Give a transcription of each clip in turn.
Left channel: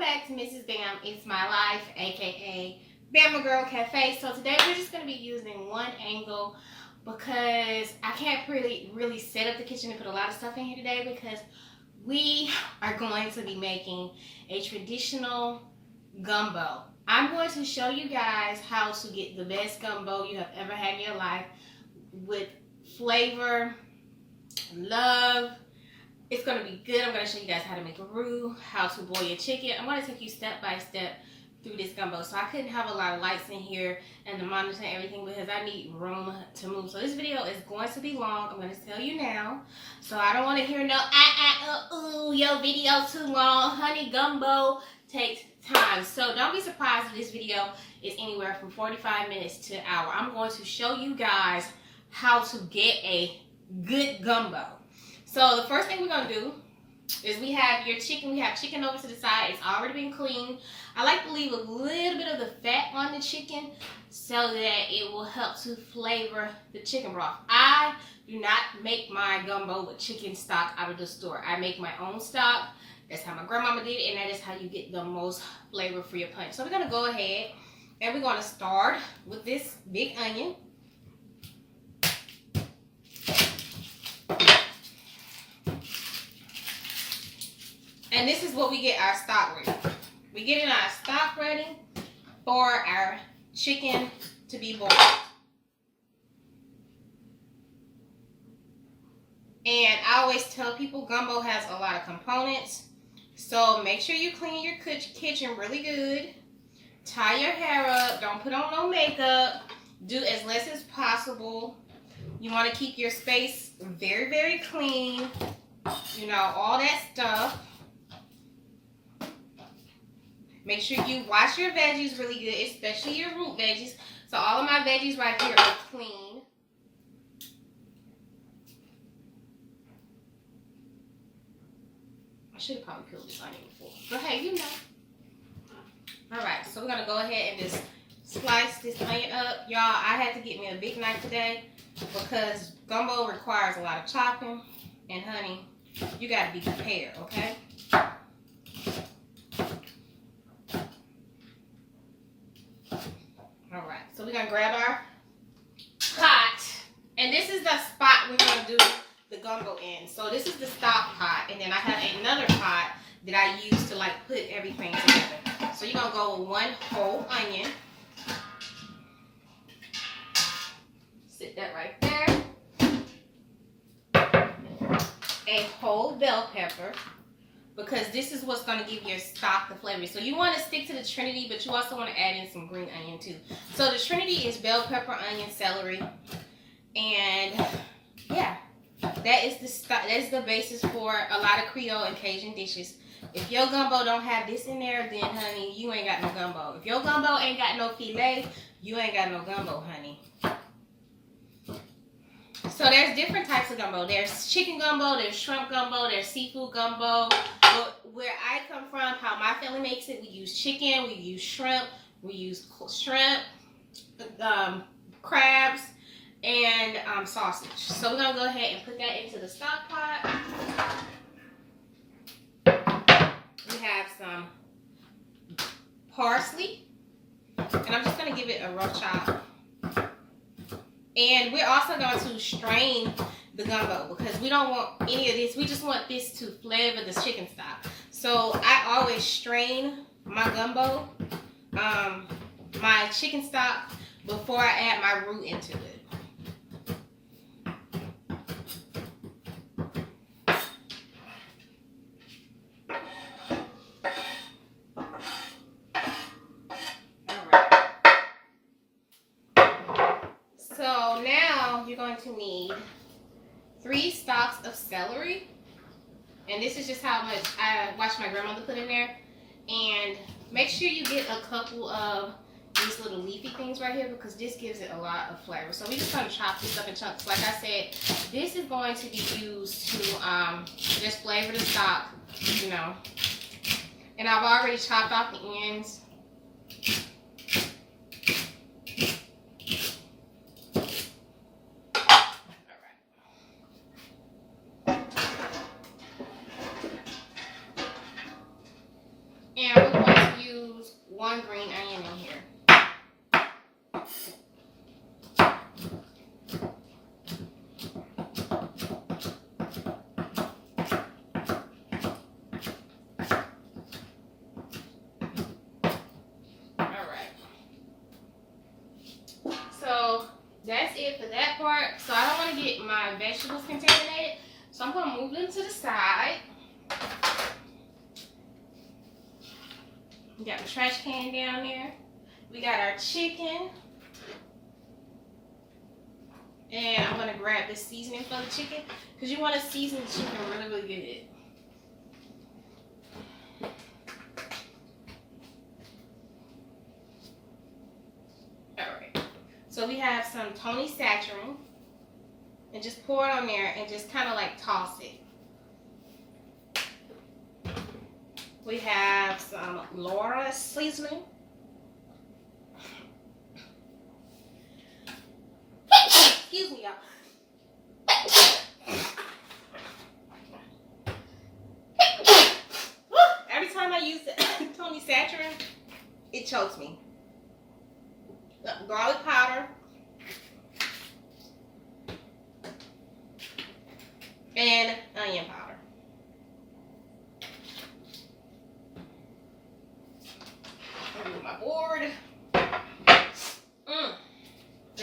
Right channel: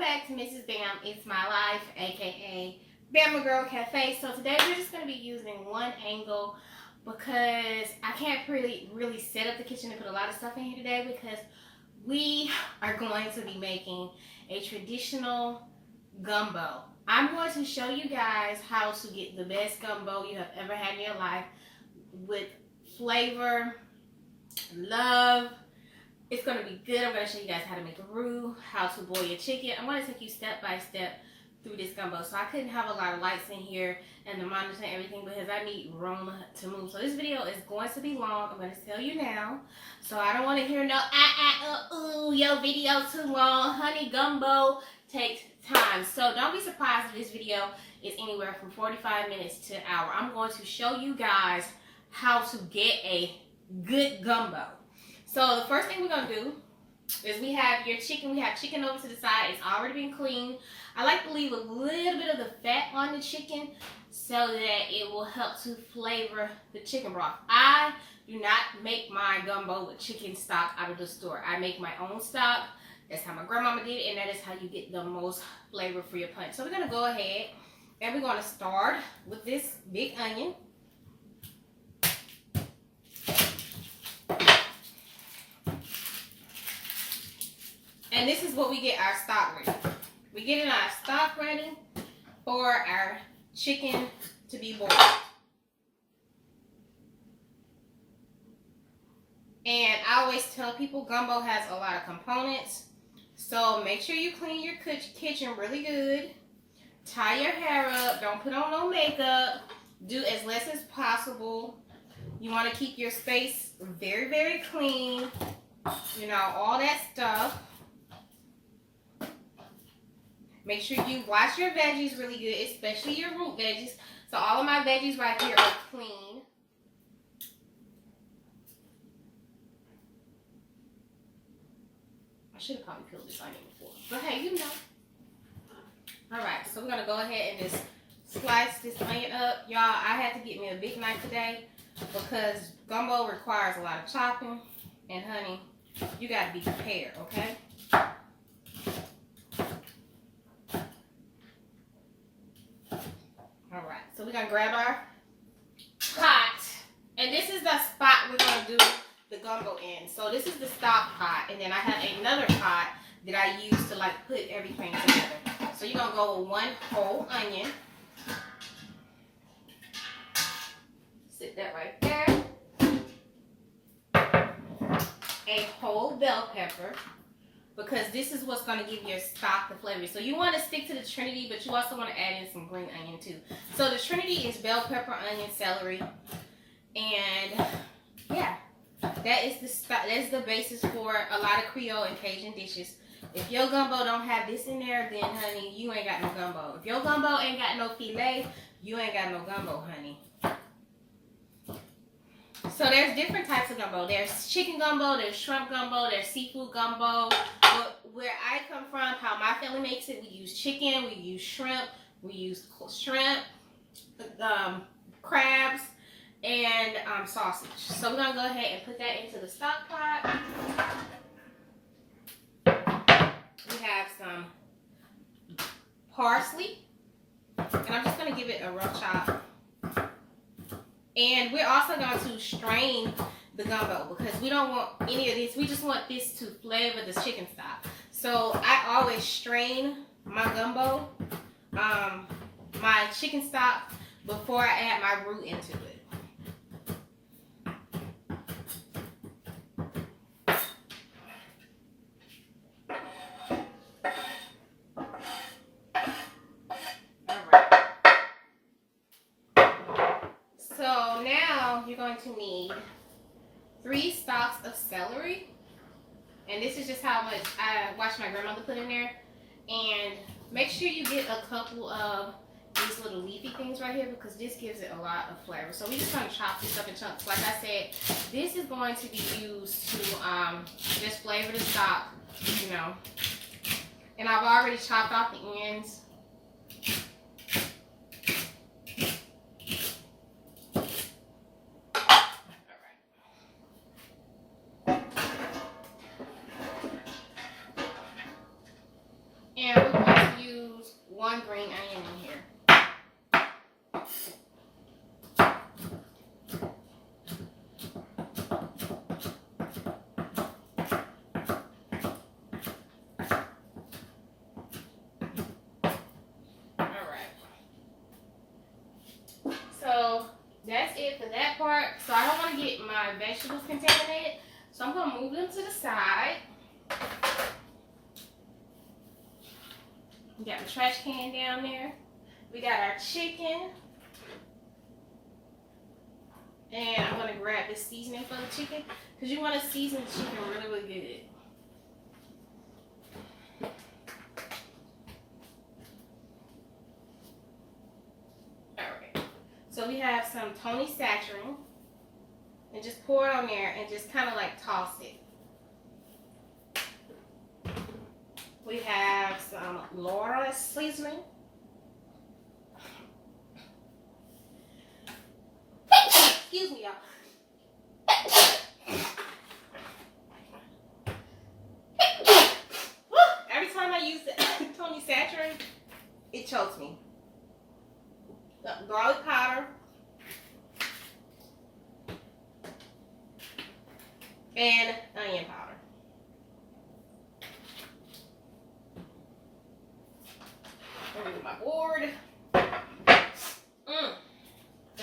back to Mrs. Bam. It's my life, aka Bama Girl Cafe. So today we're just going to be using one angle because I can't really set up the kitchen and put a lot of stuff in here today because we are going to be making a traditional gumbo. I'm going to show you guys how to get the best gumbo you have ever had in your life with flavor, love. It's going to be good. I'm going to show you guys how to make a roux, how to boil your chicken. I'm going to take you step by step through this gumbo. So I couldn't have a lot of lights in here and the monitor and everything because I need room to move. So this video is going to be long. I'm going to tell you now. So I don't want to hear no your video too long. Honey, gumbo takes time. So don't be surprised if this video is anywhere from 45 minutes to an hour. I'm going to show you guys how to get a good gumbo. So the first thing we're going to do is we have your chicken. We have chicken over to the side. It's already been cleaned. I like to leave a little bit of the fat on the chicken so that it will help to flavor the chicken broth. I do not make my gumbo with chicken stock out of the store. I make my own stock. That's how my grandmama did it, and that is how you get the most flavor for your punch. So we're going to go ahead and we're going to start with this big onion. And this is what we get our stock ready. We're getting our stock ready for our chicken to be boiled. And I always tell people gumbo has a lot of components. So make sure you clean your kitchen really good. Tie your hair up. Don't put on no makeup. Do as less as possible. You want to keep your space very, very clean. You know, all that stuff. Make sure you wash your veggies really good, especially your root veggies. So all of my veggies right here are clean. I should have probably peeled this onion before. But hey, you know. Alright, so we're going to go ahead and just slice this onion up. Y'all, I had to get me a big knife today because gumbo requires a lot of chopping. And honey, you got to be prepared, okay? Alright, so we're going to grab our pot. And this is the spot we're going to do the gumbo in. So this is the stock pot. And then I have another pot that I use to like put everything together. So you're going to go with one whole onion. Sit that right there. A whole bell pepper. Because this is what's going to give your stock the flavor. So you want to stick to the trinity, but you also want to add in some green onion too. So the trinity is bell pepper, onion, celery, and yeah, that's the basis for a lot of Creole and Cajun dishes. If your gumbo don't have this in there, then honey, you ain't got no gumbo. If your gumbo ain't got no filet, you ain't got no gumbo, honey. So there's different types of gumbo. There's chicken gumbo, there's shrimp gumbo, there's seafood gumbo. But where I come from, how my family makes it, we use chicken, we use shrimp, crabs, and sausage. So we're going to go ahead and put that into the stock pot. We have some parsley, and I'm just going to give it a rough chop. And we're also going to strain the gumbo because we don't want any of this. We just want this to flavor the chicken stock. So I always strain my gumbo, my chicken stock, before I add my roux into it. So now you're going to need 3 stalks of celery. And this is just how much I watched my grandmother put in there. And make sure you get a couple of these little leafy things right here because this gives it a lot of flavor. So we just going to chop this up in chunks. Like I said, this is going to be used to just flavor the stock, you know. And I've already chopped off the ends. And we're going to use 1 green onion in here. So that's it for that part. So I don't want to get my vegetables contaminated. So I'm going to move them to the side. We got the trash can down there. We got our chicken. And I'm going to grab the seasoning for the chicken. Because you want to season the chicken really, really good. So we have some Tony Saturin, and just pour it on there and just kind of like toss it. We have some Laura seasoning. Excuse me, y'all. Every time I use the Tony Saturin, it chokes me. Garlic powder and onion powder. I'll do my board. That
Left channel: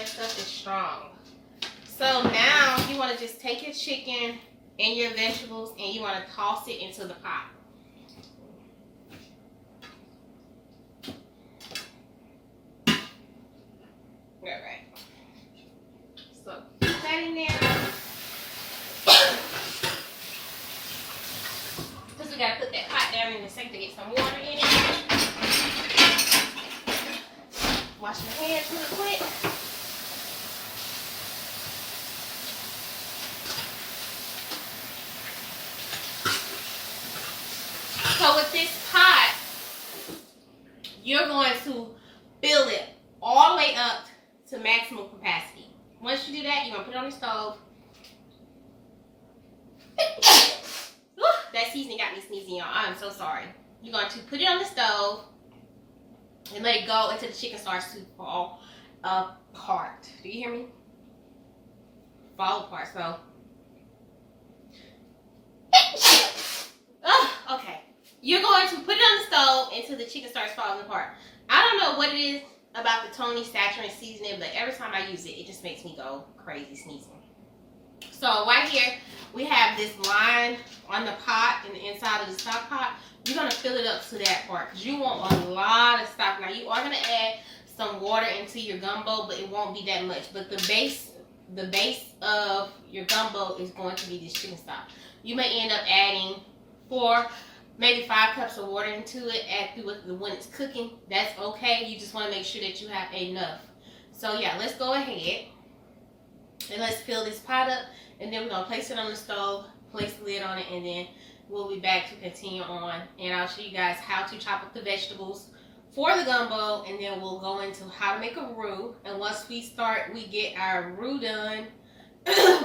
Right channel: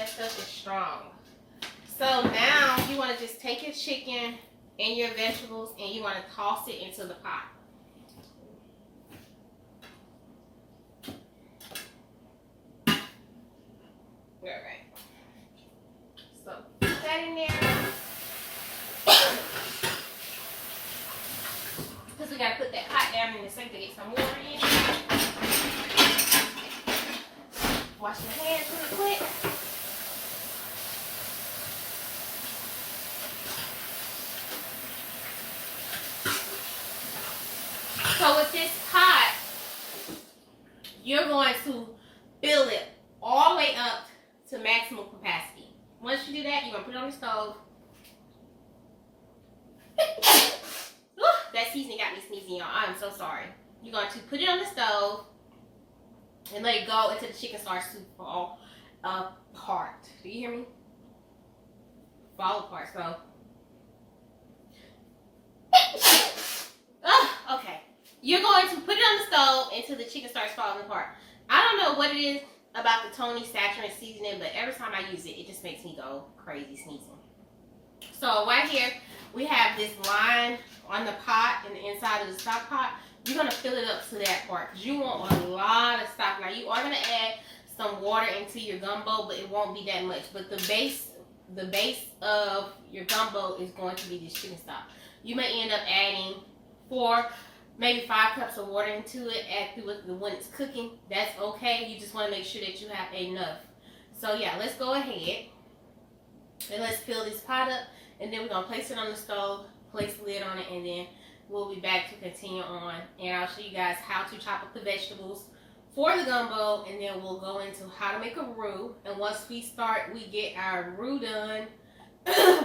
stuff is strong. So now you want to just take your chicken and your vegetables and you want to toss it into the pot. Alright. So put that in there. Because we gotta put that pot down in the sink to get some water in it. Wash my hands really quick. So with this pot, you're going to fill it all the way up to maximum capacity. Once you do that, you're going to put it on the stove. That seasoning got me sneezing, y'all. I'm so sorry. You're going to put it on the stove and let it go until the chicken starts to fall apart. Do you hear me? Fall apart. So, okay. You're going to put it on the stove until the chicken starts falling apart. I don't know what it is about the Tony Saturin seasoning, but every time I use it, it just makes me go crazy sneezing. So right here, we have this line on the pot and the inside of the stock pot. You're going to fill it up to that part because you want a lot of stock. Now, you are going to add some water into your gumbo, but it won't be that much. But the base of your gumbo is going to be this chicken stock. You may end up adding 4, maybe 5 cups of water into it when it's cooking. That's okay. You just want to make sure that you have enough. So yeah, let's go ahead and let's fill this pot up, and then we're going to place it on the stove, place the lid on it, and then we'll be back to continue on, and I'll show you guys how to chop up the vegetables for the gumbo, and then we'll go into how to make a roux. And once we get our roux done,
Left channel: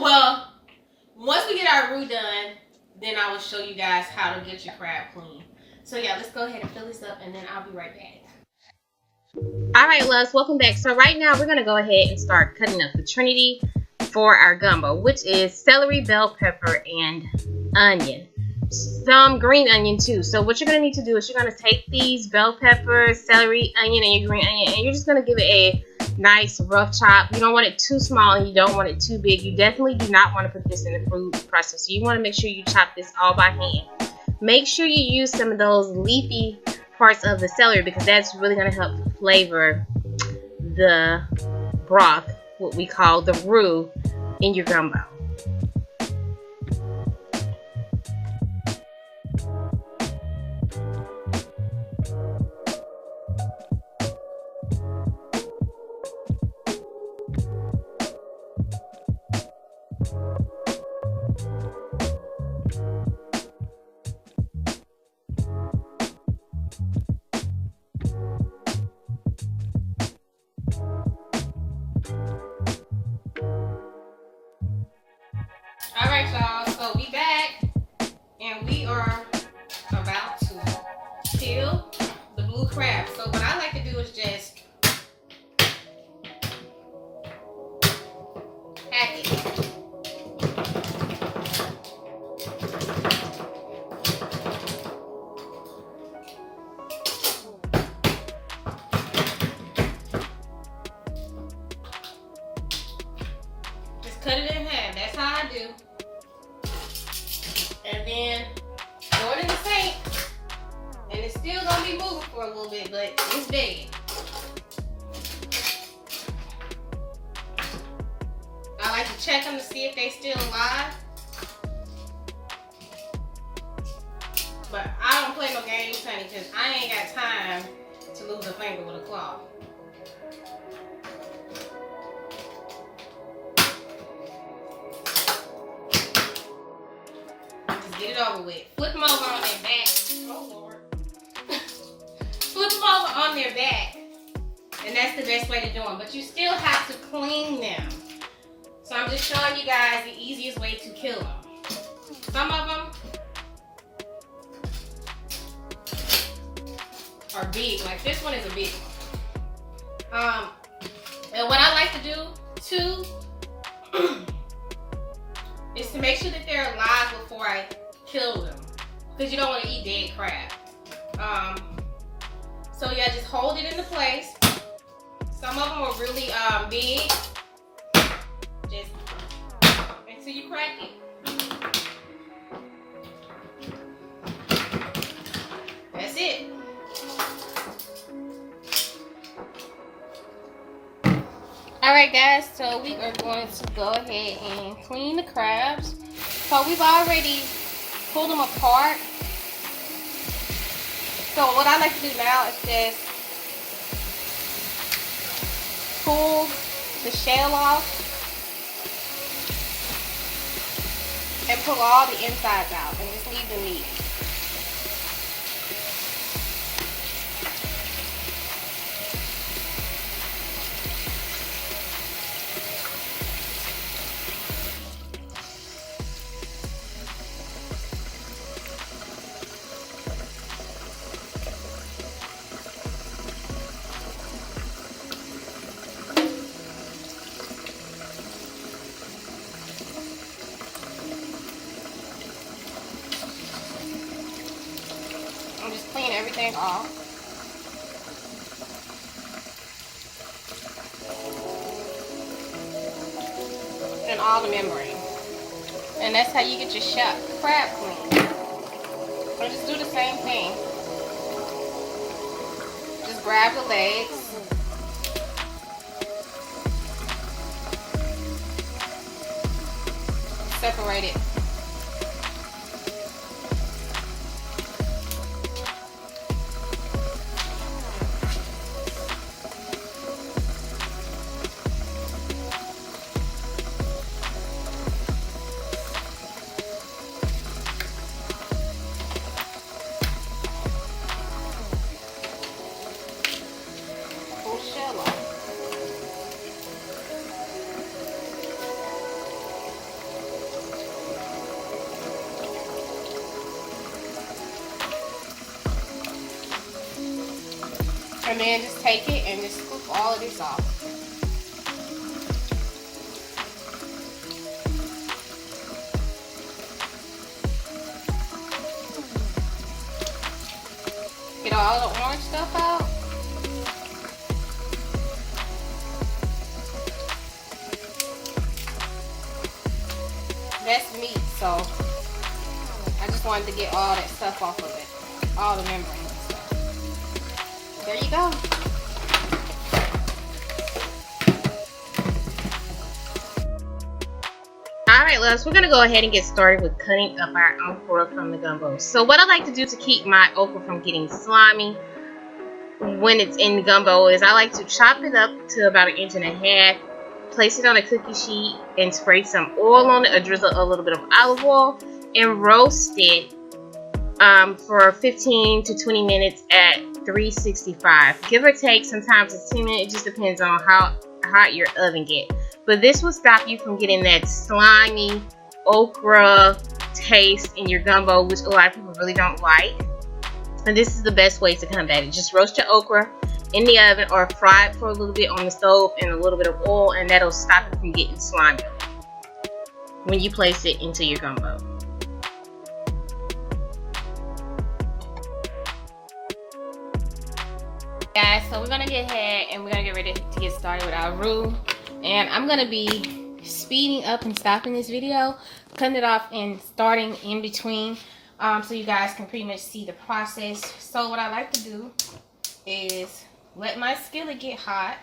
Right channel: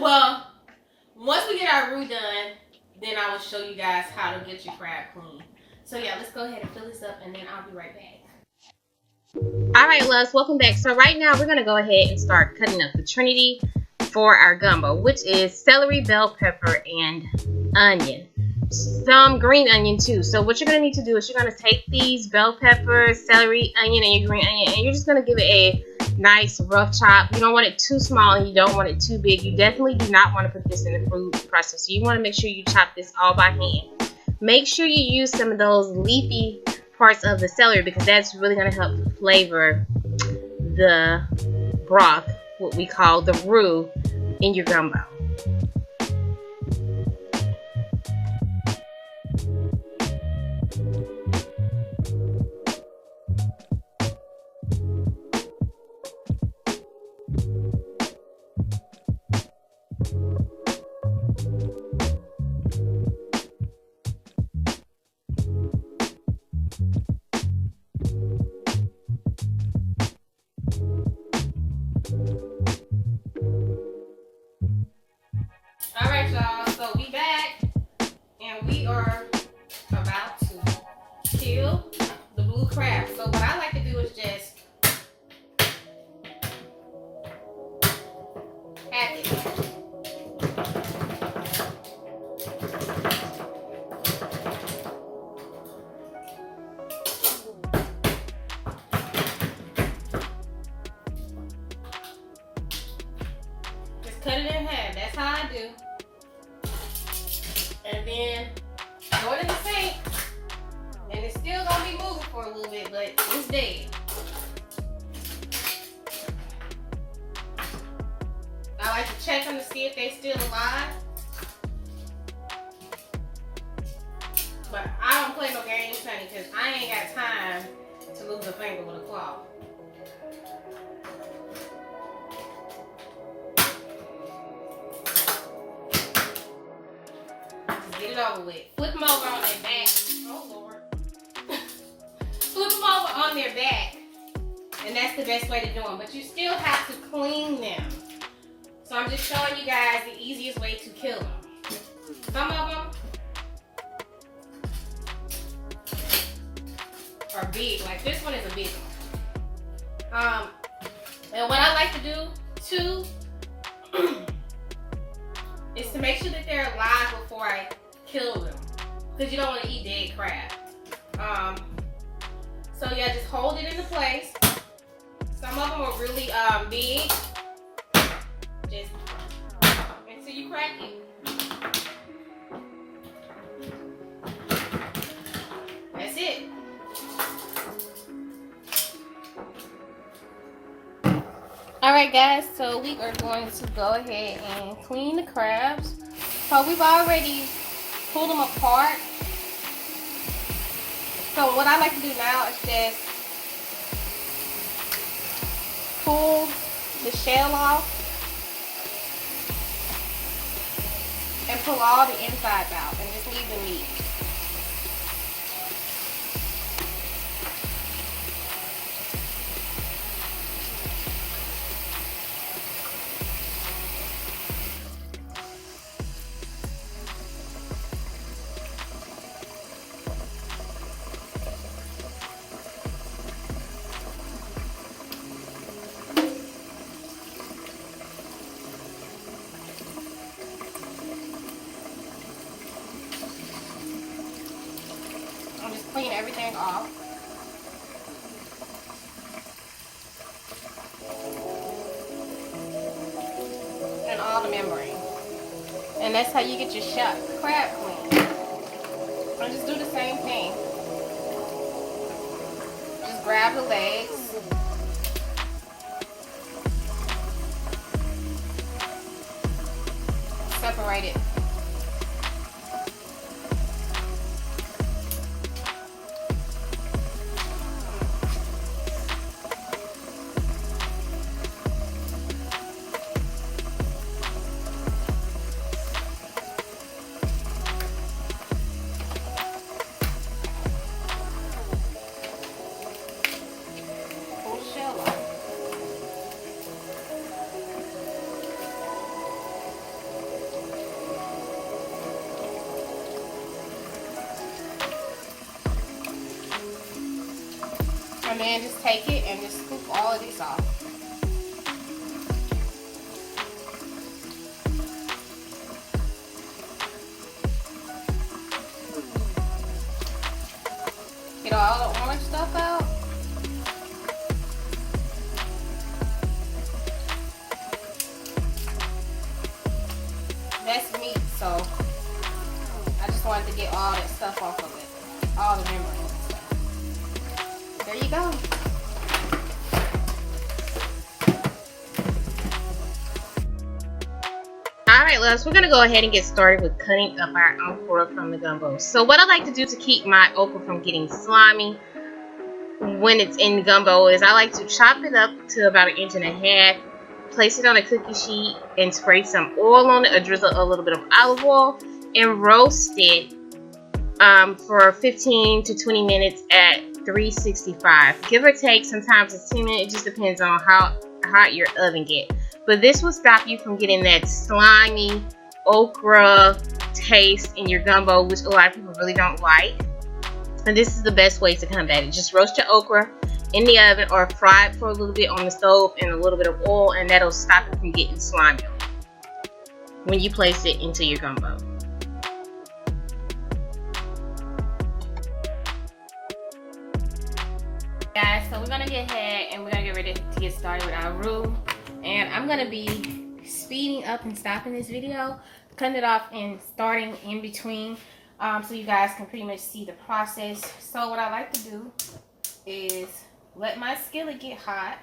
well, once we get our roux done, then I will show you guys how to get your crab clean. So yeah, let's go ahead and fill this up, and then I'll be right back. Alright, loves, welcome back. So right now we're going to go ahead and start cutting up the trinity for our gumbo, which is celery, bell pepper, and onion. Some green onion too. So what you're going to need to do is you're going to take these bell pepper, celery, onion, and your green onion, and you're just going to give it a nice rough chop. You don't want it too small and you don't want it too big. You definitely do not want to put this in the food processor. You want to make sure you chop this all by hand. Make sure you use some of those leafy parts of the celery because that's really going to help flavor the broth, what we call the roux, in your gumbo. Alright, y'all, so we back and we are about to still the blue crab. So what I like to do is just hack it. Just cut it in half. That's how I do. And then throw it in the sink. And it's still gonna be moving for a little bit, but it's dead. I like to check them to see if they still alive. But I don't play no games, honey, because I ain't got time to lose a finger with a claw. Just get it over with. Flip them over on their back. Oh, Lord. Flip them over on their back. And that's the best way to do them. But you still have to clean them. So I'm just showing you guys the easiest way to kill them. Some of them are big. Like this one is a big one. And what I like to do too is to make sure that they're alive before I kill them, because you don't want to eat dead crab. So yeah, just hold it into place. Some of them are really big. Just until you crack it. That's it. Alright guys, so we are going to go ahead and clean the crabs. So we've already pulled them apart. So what I like to do now is just pull the shell off and pull all the insides out and just leave the meat. I'm just clean everything off. And all the membrane. And that's how you get your shot crab clean. So just do the same thing. Just grab the legs. Separate it. And then just take it and just scoop all of this off. Get all the orange stuff out. That's meat, so I just wanted to get all that stuff off of it. All the membrane and stuff. There you go. Alright loves, we're going to go ahead and get started with cutting up our okra from the gumbo. So what I like to do to keep my okra from getting slimy when it's in the gumbo is I like to chop it up to about 1.5 inches, place it on a cookie sheet and spray some oil on it, or drizzle a little bit of olive oil, and roast it for 15 to 20 minutes at 365. Give or take, sometimes it's 10 minutes. It just depends on how hot your oven gets. But this will stop you from getting that slimy okra taste in your gumbo, which a lot of people really don't like. And this is the best way to combat it. Just roast your okra in the oven or fry it for a little bit on the stove in a little bit of oil, and that'll stop it from getting slimy when you place it into your gumbo. Guys, so we're gonna get ahead and we're gonna get ready to get started with our roux. And I'm gonna be speeding up and stopping this video, cutting it off and starting in between, so you guys can pretty much see the process. So what I like to do is let my skillet get hot.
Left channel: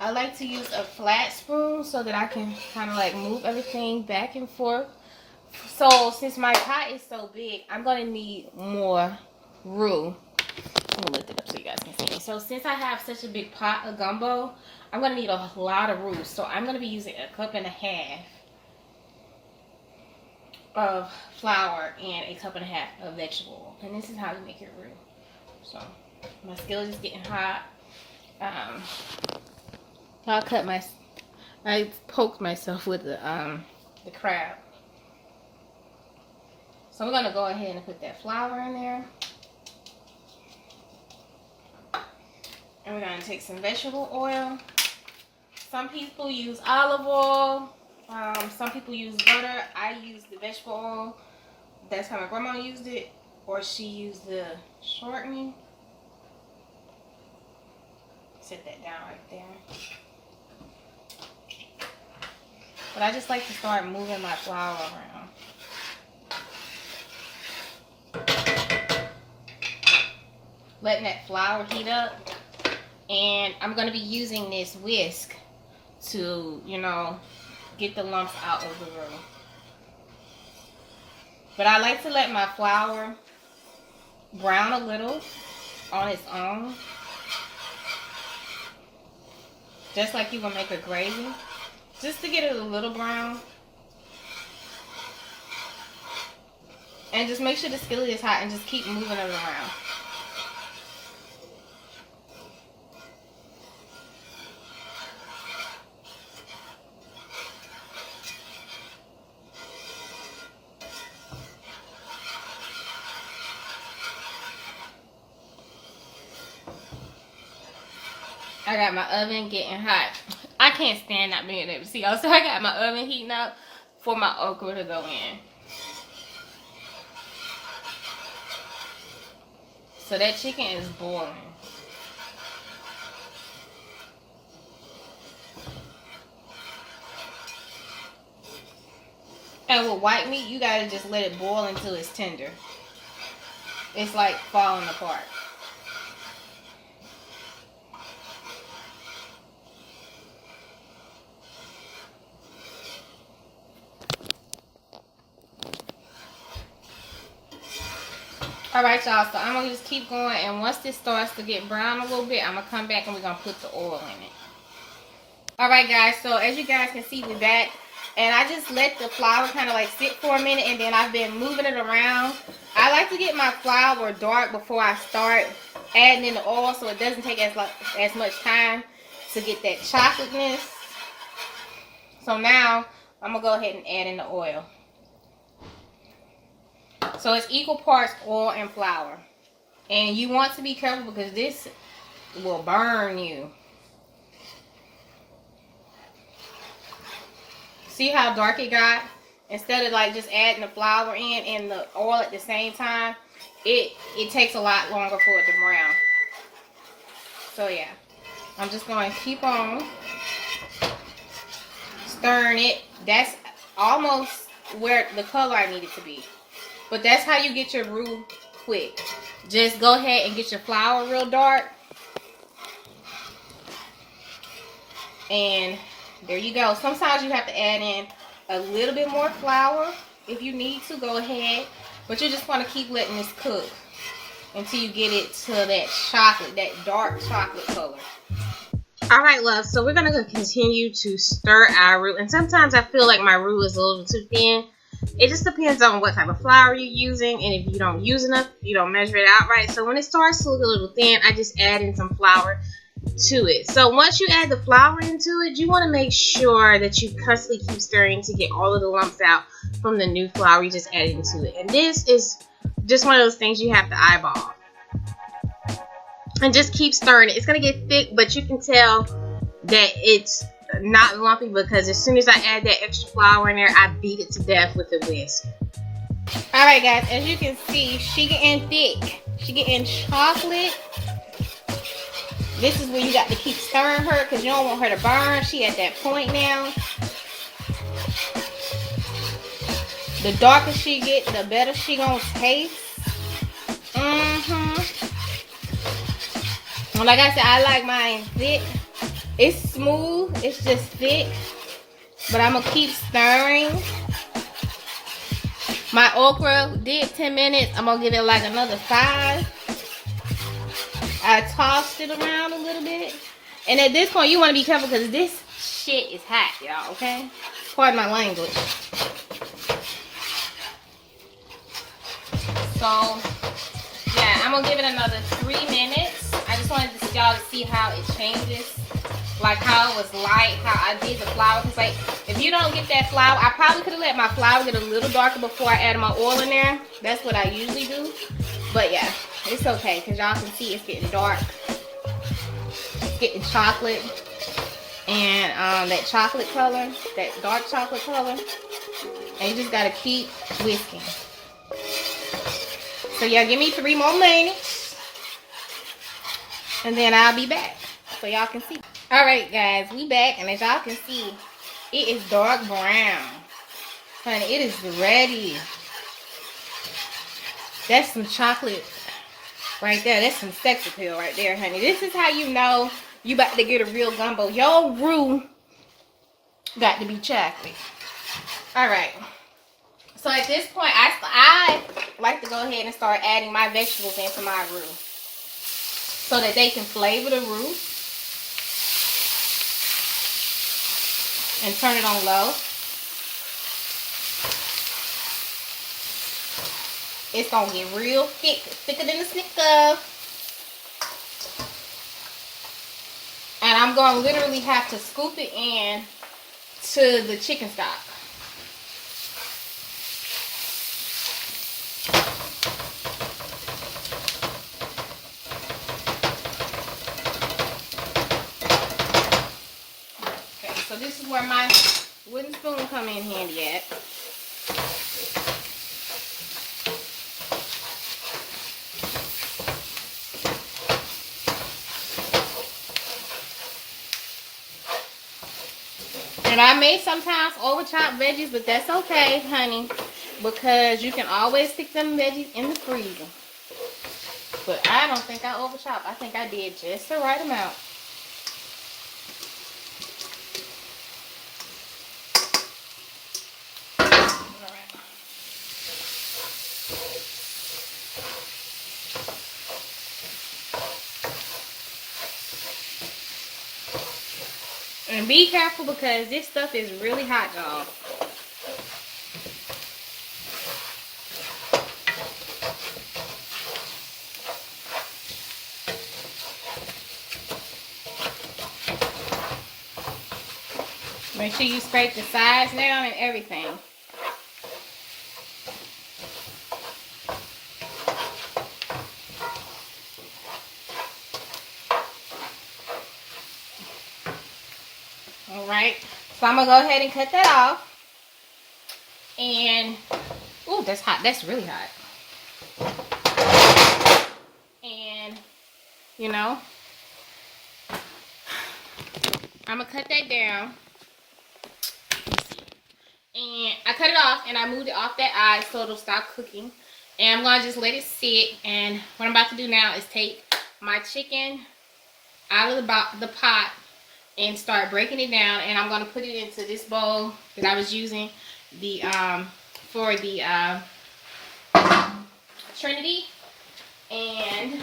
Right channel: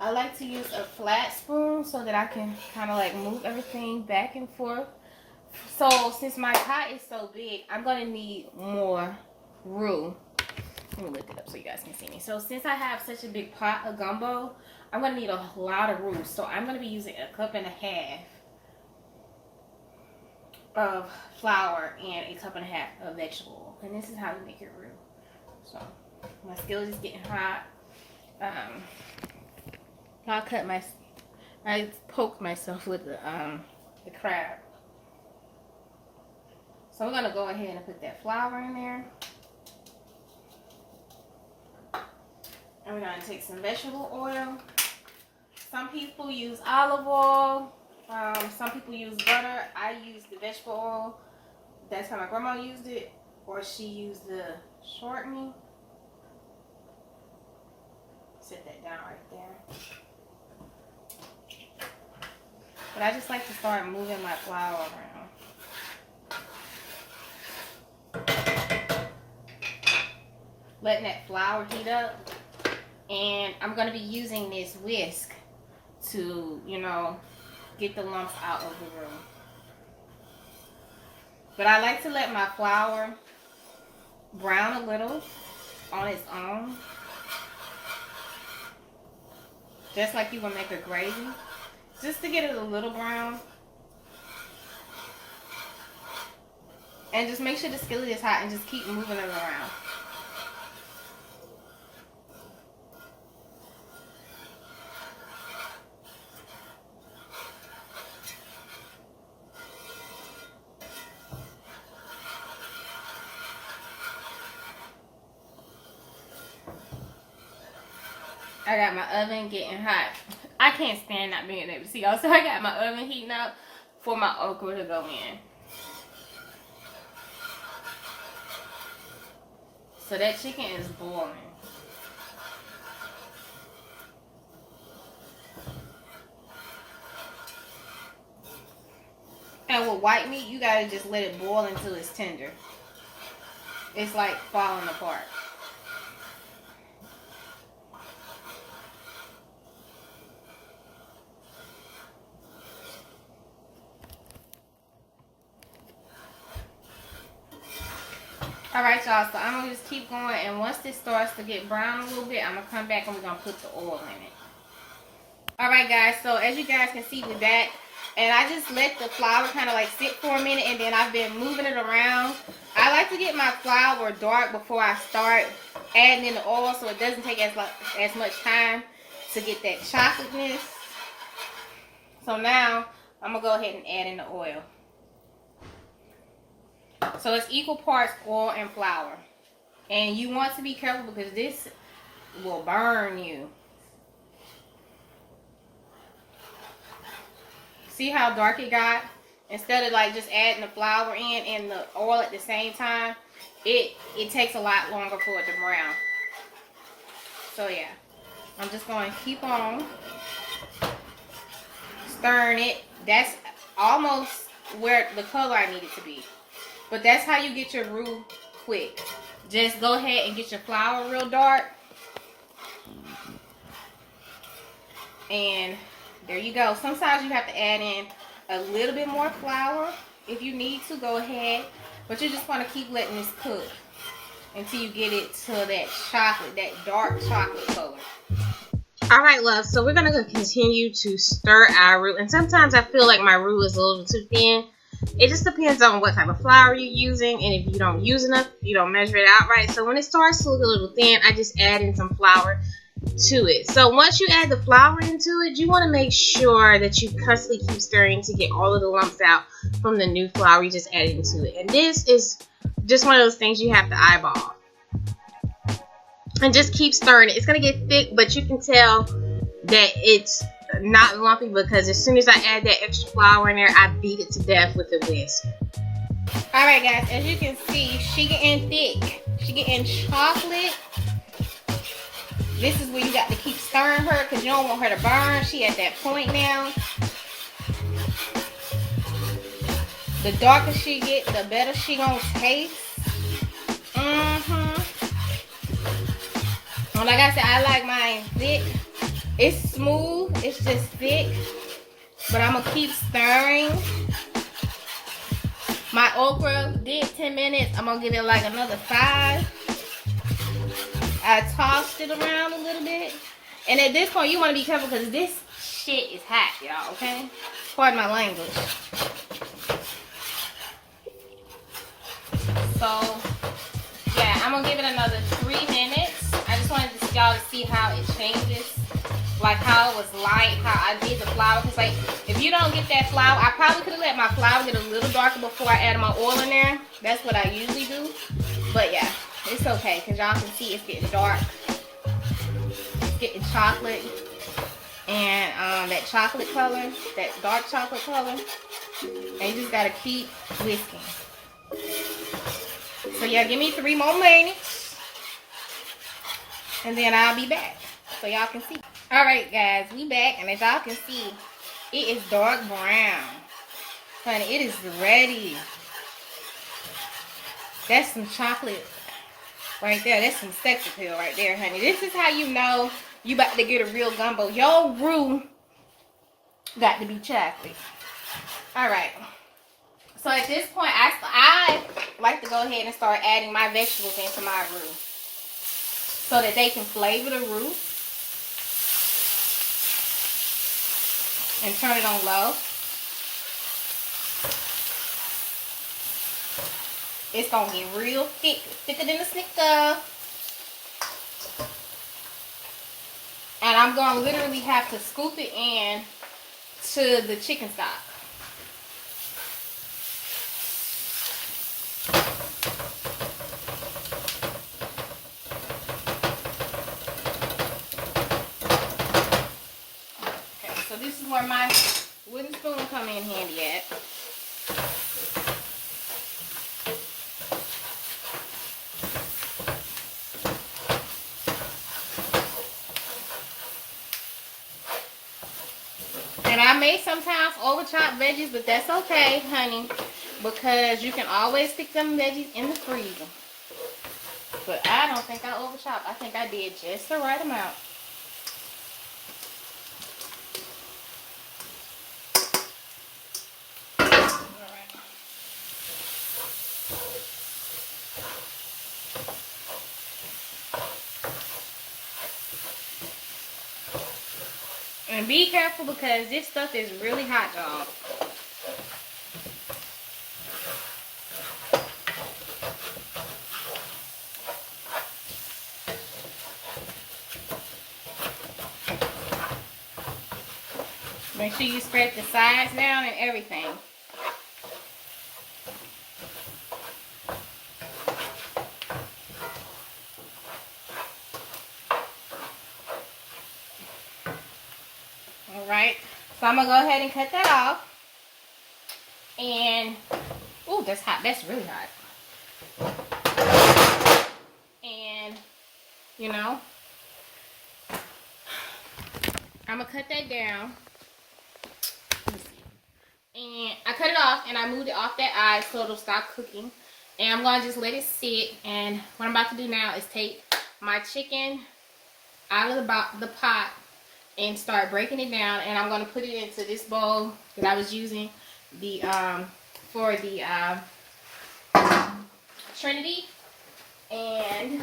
I like to use a flat spoon so that I can kind of like move everything back and forth. So since my pot is so big, I'm gonna need more roux. I'm gonna lift it up so you guys can see me. So since I have such a big pot of gumbo, I'm gonna need a lot of roux. So I'm gonna be using 1.5 cups of flour and 1.5 cups of vegetable oil. And this is how you make your roux. So my skillet is getting hot. I poked myself with the crab. So we're gonna go ahead and put that flour in there. And we're going to take some vegetable oil. Some people use olive oil. Some people use butter. I use the vegetable oil. That's how my grandma used it. Or she used the shortening. Set that down right there. But I just like to start moving my flour around. Letting that flour heat up. And I'm going to be using this whisk to, you know, get the lumps out of the roux. But I like to let my flour brown a little on its own. Just like you would make a gravy. Just to get it a little brown. And just make sure the skillet is hot and just keep moving it around. I got my oven getting hot. I can't stand not being able to see y'all. So I got my oven heating up for my okra to go in. So that chicken is boiling. And with white meat, you gotta just let it boil until it's tender. It's like falling apart. Alright y'all, so I'm going to just keep going, and once this starts to get brown a little bit, I'm going to come back and we're going to put the oil in it. Alright guys, so as you guys can see, we're back, and I just let the flour kind of like sit for a minute, and then I've been moving it around. I like to get my flour dark before I start adding in the oil, so it doesn't take as much time to get that chocolateness. So now, I'm going to go ahead and add in the oil. So it's equal parts oil and flour. And you want to be careful because this will burn you. See how dark it got? Instead of like just adding the flour in and the oil at the same time, it takes a lot longer for it to brown. So yeah, I'm just going to keep on stirring it. That's almost where the color I need it to be. But that's how you get your roux quick. Just go ahead and get your flour real dark. And there you go. Sometimes you have to add in a little bit more flour. If you need to, go ahead. But you just want to keep letting this cook until you get it to that chocolate, that dark chocolate color. Alright, love. So we're going to continue to stir our roux. And sometimes I feel like my roux is a little too thin. It just depends on what type of flour you're using, and if you don't use enough, you don't measure it out right. So when it starts to look a little thin, I just add in some flour to it. So once you add the flour into it, you want to make sure that you constantly keep stirring to get all of the lumps out from the new flour you just added into it. And this is just one of those things you have to eyeball. and just keep stirring it. It's gonna get thick, but you can tell that it's not lumpy because as soon as I add that extra flour in there, I beat it to death with a whisk. Alright guys, as you can see, she getting thick. She getting chocolate. This is where you got to keep stirring her because you don't want her to burn. She at that point now. The darker she get, the better she gonna taste. Like I said, I like mine thick. It's smooth, it's just thick. But I'm gonna keep stirring. My okra did 10 minutes. I'm gonna give it like another 5. I tossed it around a little bit. And at this point, you want to be careful because this shit is hot, y'all, okay? Pardon my language. So, yeah, I'm going to give it another 3 minutes. I just wanted y'all to see how it changes. Like how it was light, how I did the flour. Because, like, if you don't get that flour, I probably could have let my flour get a little darker before I added my oil in there. That's what I usually do. But, yeah. It's okay, because y'all can see it's getting dark. It's getting chocolate. And that chocolate color, that dark chocolate color. And you just got to keep whisking. So y'all give me 3 more minutes. And then I'll be back. So y'all can see. Alright guys, we back. And as y'all can see, it is dark brown. Honey, it is ready. That's some chocolate. Right there, that's some sex appeal right there, honey. This is how you know you about to get a real gumbo. Your roux got to be chocolate. Alright. So at this point, I like to go ahead and start adding my vegetables into my roux. So that they can flavor the roux. And turn it on low. It's going to get real thick, thicker than a Snicker. And I'm going to literally have to scoop it in to the chicken stock. Okay, so this is where my wooden spoon come in handy at. And I may sometimes over-chop veggies, but that's okay, honey, because you can always stick them veggies in the freezer. But I don't think I over-chop. I think I did just the right amount. All right. And be careful because this stuff is really hot, y'all. Make sure you spread the sides down and everything. Alright, so I'm going to go ahead and cut that off. And, ooh, that's hot. That's really hot. And, you know, I'm going to cut that down. And I cut it off and I moved it off that eye so it'll stop cooking. And I'm going to just let it sit. And what I'm about to do now is take my chicken out of the pot and start breaking it down. And I'm going to put it into this bowl that I was using for the Trinity. And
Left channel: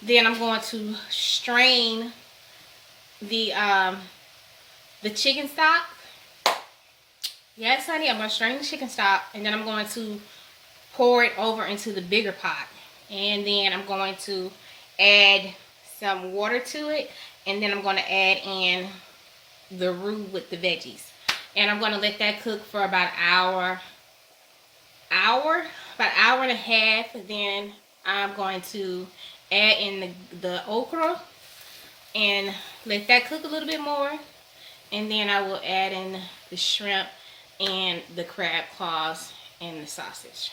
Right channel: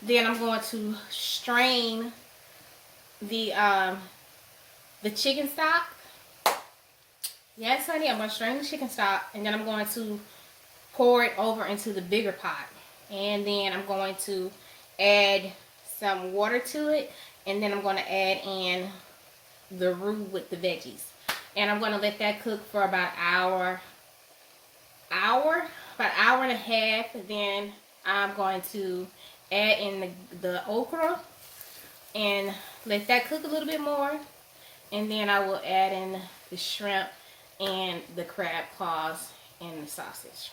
then I'm going to strain the chicken stock. Yes, honey, I'm going to strain the chicken stock, and then I'm going to pour it over into the bigger pot. And then I'm going to add some water to it, and then I'm going to add in the roux with the veggies. And I'm going to let that cook for about an hour and a half. Then I'm going to add in the okra and let that cook a little bit more. And then I will add in the shrimp and the crab claws and the sausage.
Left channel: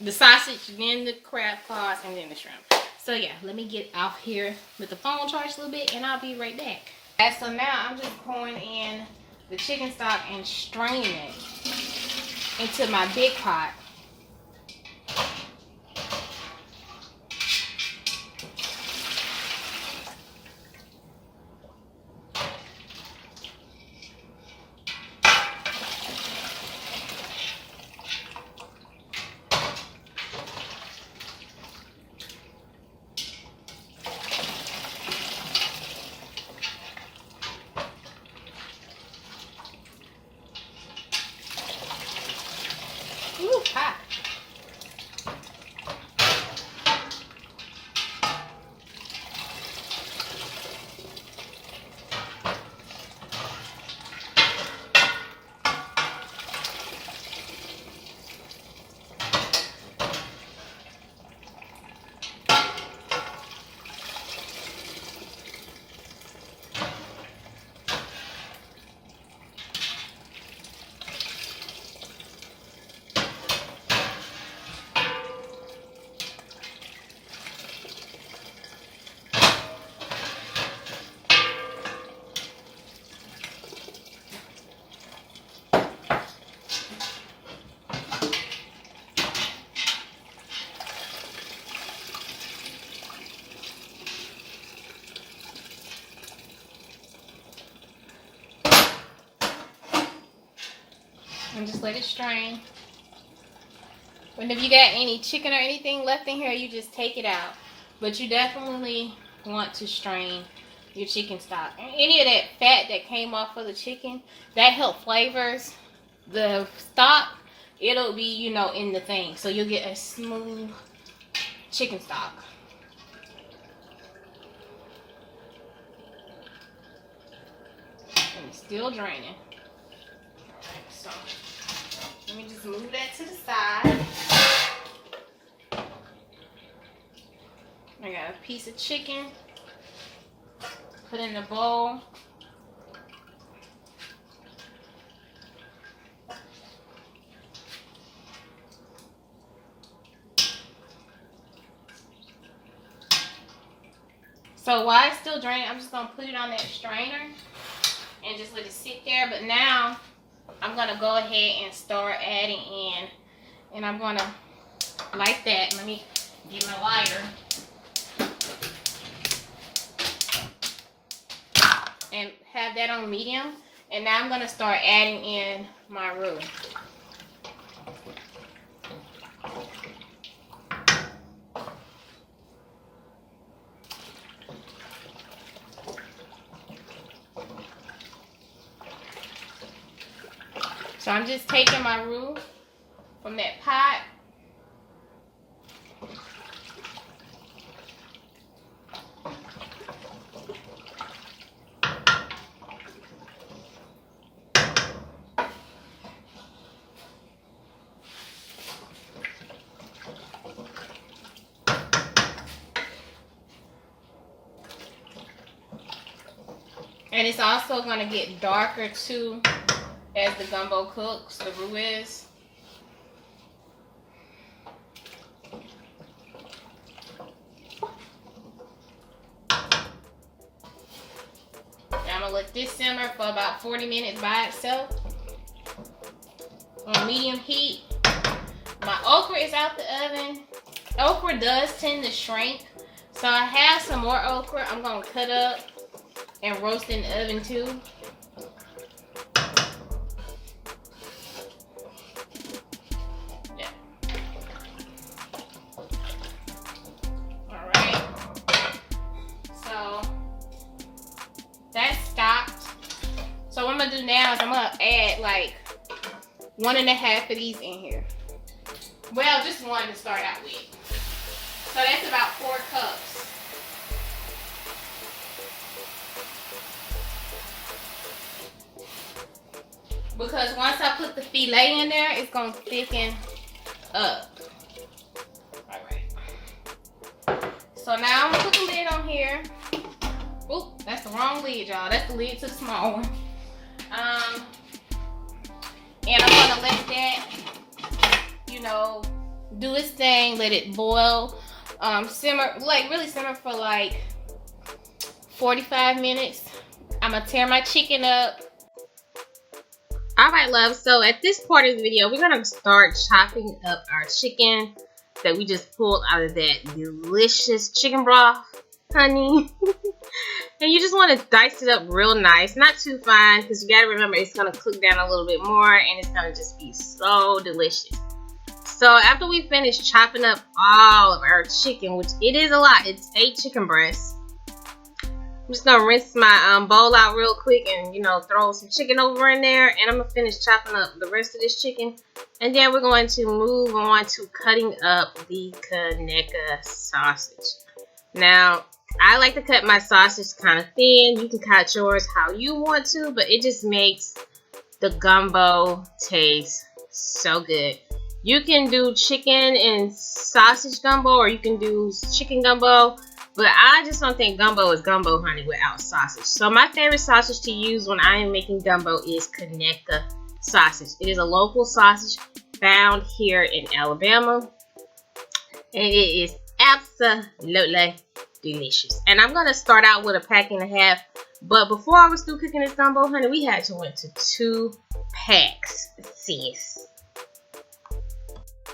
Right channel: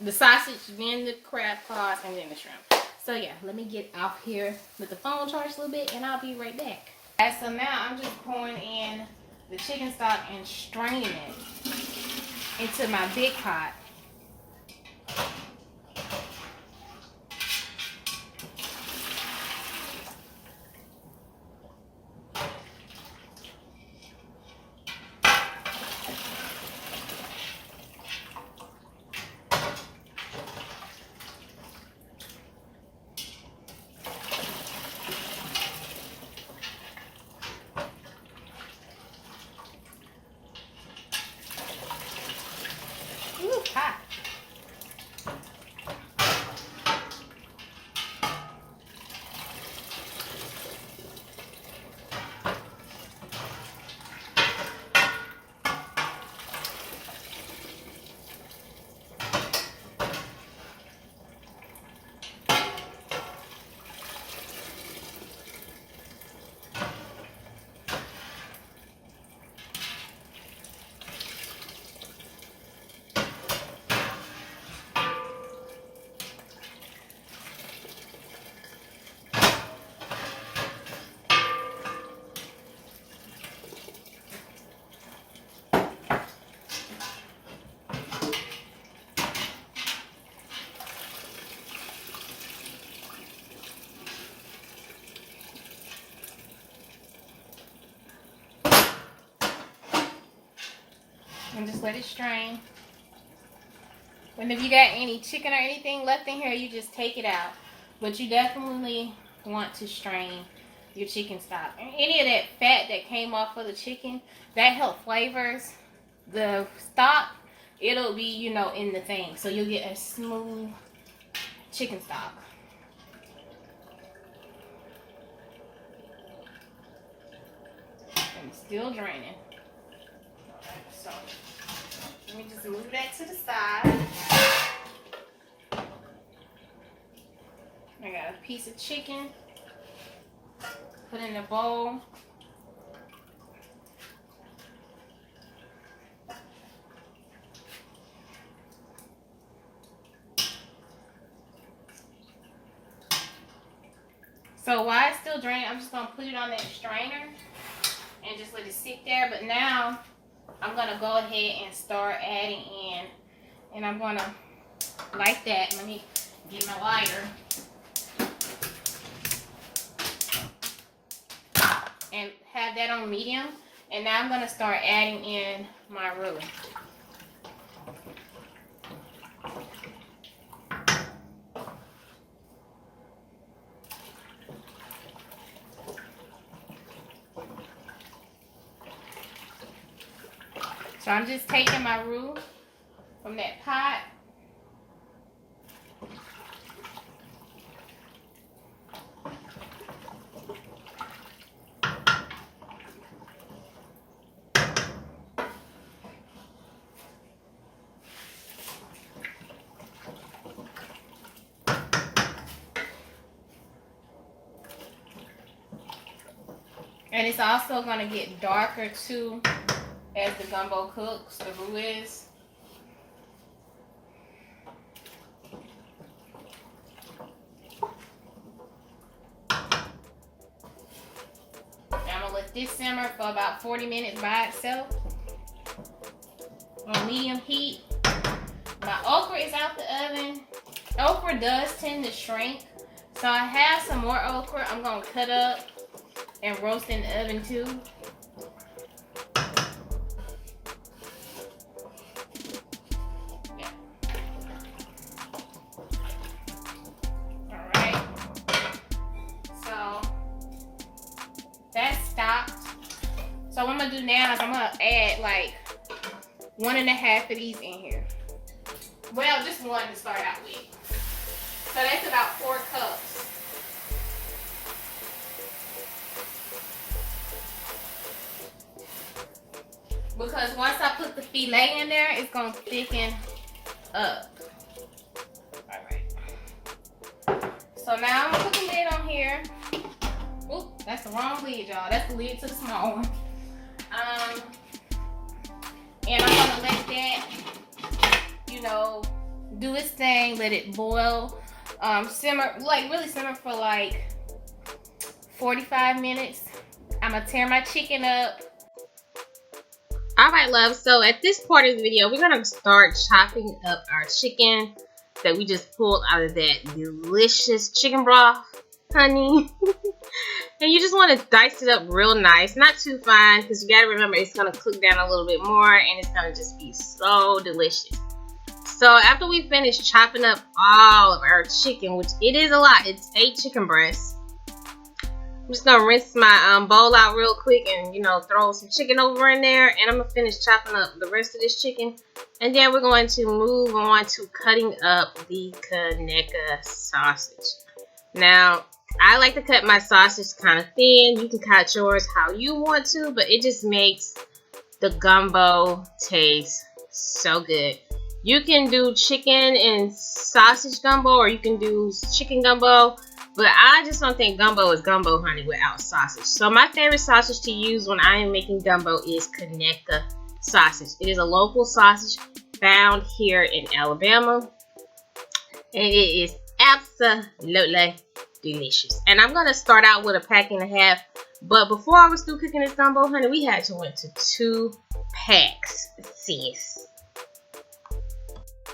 The sausage, then the crab claws, and then the shrimp. So yeah, let me get out here with the phone charged a little bit and I'll be right back. And so now I'm just pouring in the chicken stock and straining it into my big pot. Ooh, hot. And just let it strain. And if you got any chicken or anything left in here, you just take it out. But you definitely want to strain your chicken stock. And any of that fat that came off of the chicken, that help flavors the stock. It'll be, you know, in the thing. So you'll get a smooth chicken stock. And it's still draining. So let me just move that to the side. I got a piece of chicken. Put in a bowl. So while it's still draining, I'm just going to put it on that strainer and just let it sit there. But now I'm going to go ahead and start adding in. And I'm going to, like that, let me get my lighter. And have that on medium. And now I'm going to start adding in my roux. So I'm just taking my roux from that pot. And it's also going to get darker too as the gumbo cooks, the roux is. I'm going to let this simmer for about 40 minutes by itself on medium heat. My okra is out the oven. Okra does tend to shrink, so I have some more okra I'm going to cut up and roast in the oven too. Yeah. Alright. So that's stocked. So what I'm gonna do now is I'm gonna add like 1.5 of these in here. Well, just one to start out with. So that's about 4 cups. Because once I put the filet in there, it's going to thicken up. Alright. So So now I'm gonna put the lid on here. Oop, that's the wrong lid, y'all. That's the lid to the small one. And I'm gonna let that, you know, do its thing. Let it boil, simmer, like really simmer for like 45 minutes. I'm gonna tear my chicken up. Alright, love, so at this part of the video, we're gonna start chopping up our chicken that we just pulled out of that delicious chicken broth, honey. And you just want to dice it up real nice, not too fine, because you gotta remember it's gonna cook down a little bit more and it's gonna just be so delicious. So after we finish chopping up all of our chicken, which it is a lot, it's 8 chicken breasts. I'm just gonna rinse my bowl out real quick and, you know, throw some chicken over in there, and I'm gonna finish chopping up the rest of this chicken, and then we're going to move on to cutting up the Kaneka sausage. Now, I like to cut my sausage kind of thin. You can cut yours how you want to, but it just makes the gumbo taste so good. You can do chicken and sausage gumbo, or you can do chicken gumbo. But I just don't think gumbo is gumbo, honey, without sausage. So my favorite sausage to use when I am making gumbo is Kaneka sausage. It is a local sausage found here in Alabama. And it is absolutely delicious. And I'm going to start out with a pack and a half. But before I was through cooking this gumbo, honey, we had to went to 2 packs, sis.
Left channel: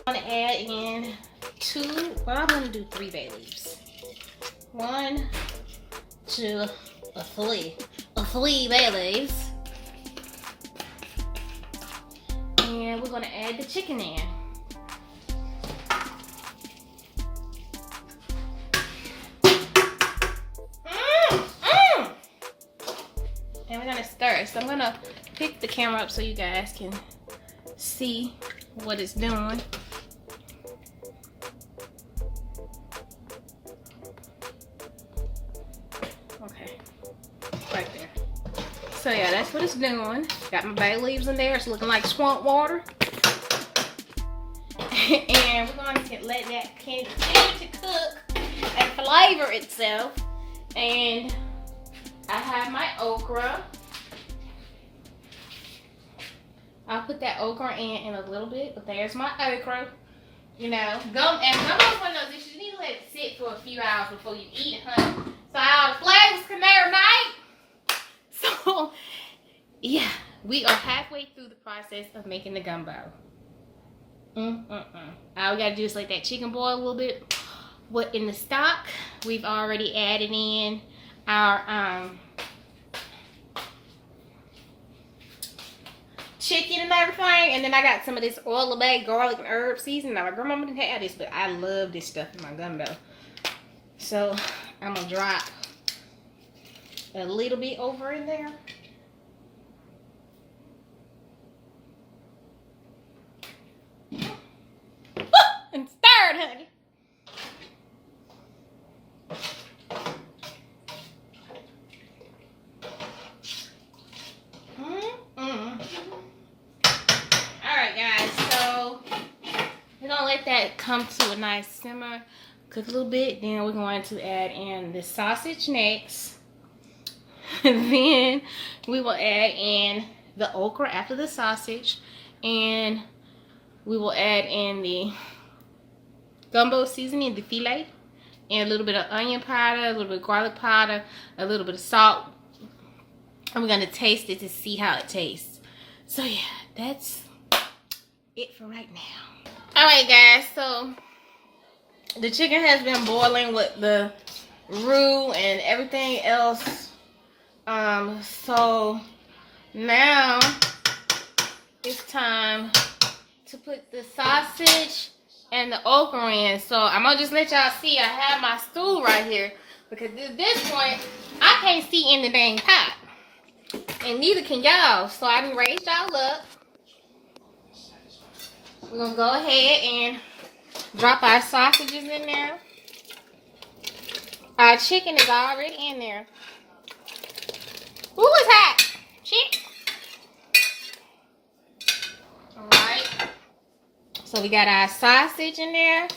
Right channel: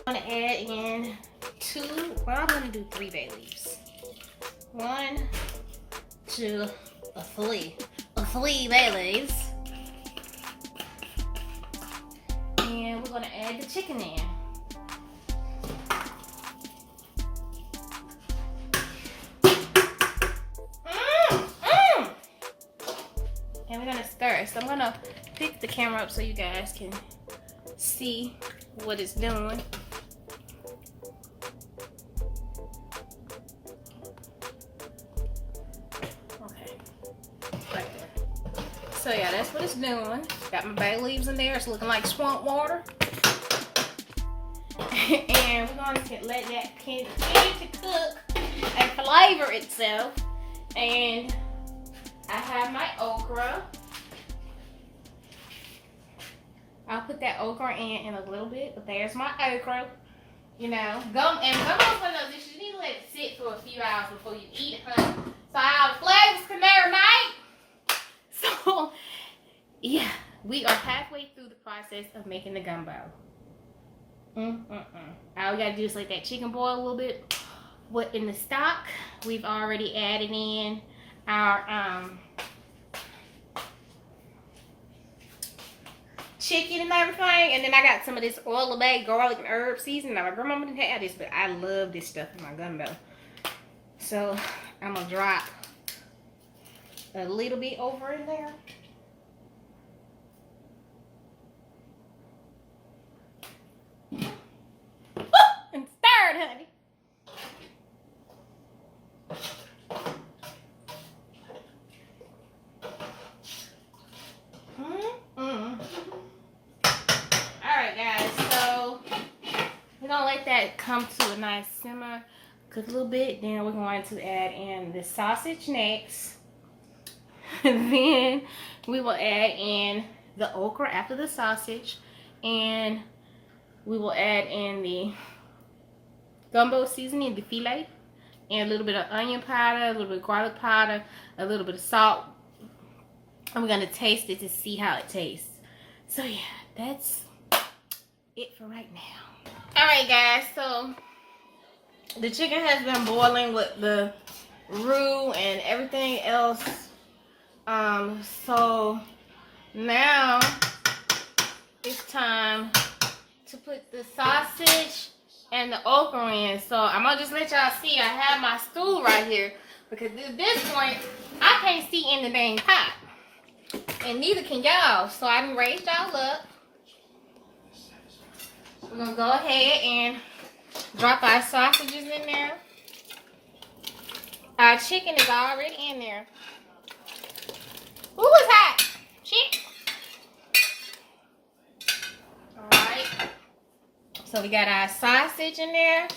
I'm going to add in 2, well, I'm going to do 3 bay leaves. 1, 2, 3 bay leaves. And we're going to add the chicken in. And we're going to stir it. So I'm going to pick the camera up so you guys can see what it's doing. So yeah, that's what it's doing. Got my bay leaves in there. It's looking like swamp water. And we're going to let that continue to cook and flavor itself. And I have my okra. I'll put that okra in a little bit, but there's my okra. You know, gumbo's one of those dishes. You need to let it sit for a few hours before you eat it, honey. So all the flavors can marinate. So, yeah, we are halfway through the process of making the gumbo. All we gotta do is let that chicken boil a little bit. What in the stock, we've already added in our chicken and everything, and then I got some of this oil of bay garlic and herb seasoning. Now my grandmama didn't have this, but I love this stuff in my gumbo. So I'm gonna drop a little bit over in there. And stir it, honey. Alright guys, so we're gonna let that come to a nice simmer, cook a little bit, then we're going to add in the sausage next. Then we will add in the okra after the sausage, and we will add in the gumbo seasoning, the filet, and a little bit of onion powder, a little bit of garlic powder, a little bit of salt, and we're going to taste it to see how it tastes. So yeah, that's it for right now. Alright guys, so the chicken has been boiling with the roux and everything else. So now it's time to put the sausage and the okra in. So I'm gonna just let y'all see. I have my stool right here because at this point I can't see in the dang pot, and neither can y'all. So I can raise y'all up. We're gonna go ahead and drop our sausages in there. Our chicken is already in there. Ooh, it's hot. Chicken. Alright. So we got our sausage in there,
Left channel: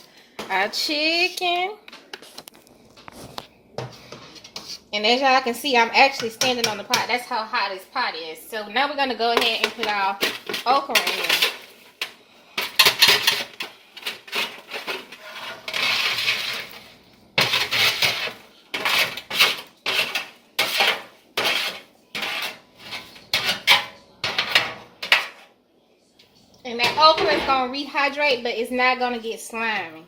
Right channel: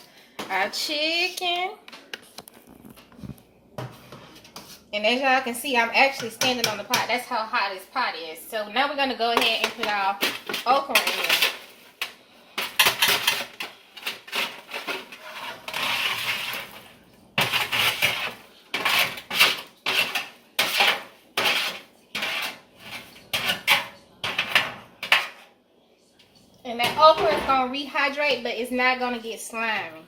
our chicken, And as y'all can see, I'm actually standing on the pot. That's how hot this pot is. So now we're going to go ahead and put our okra in. And that okra is going to rehydrate, but it's not going to get slimy.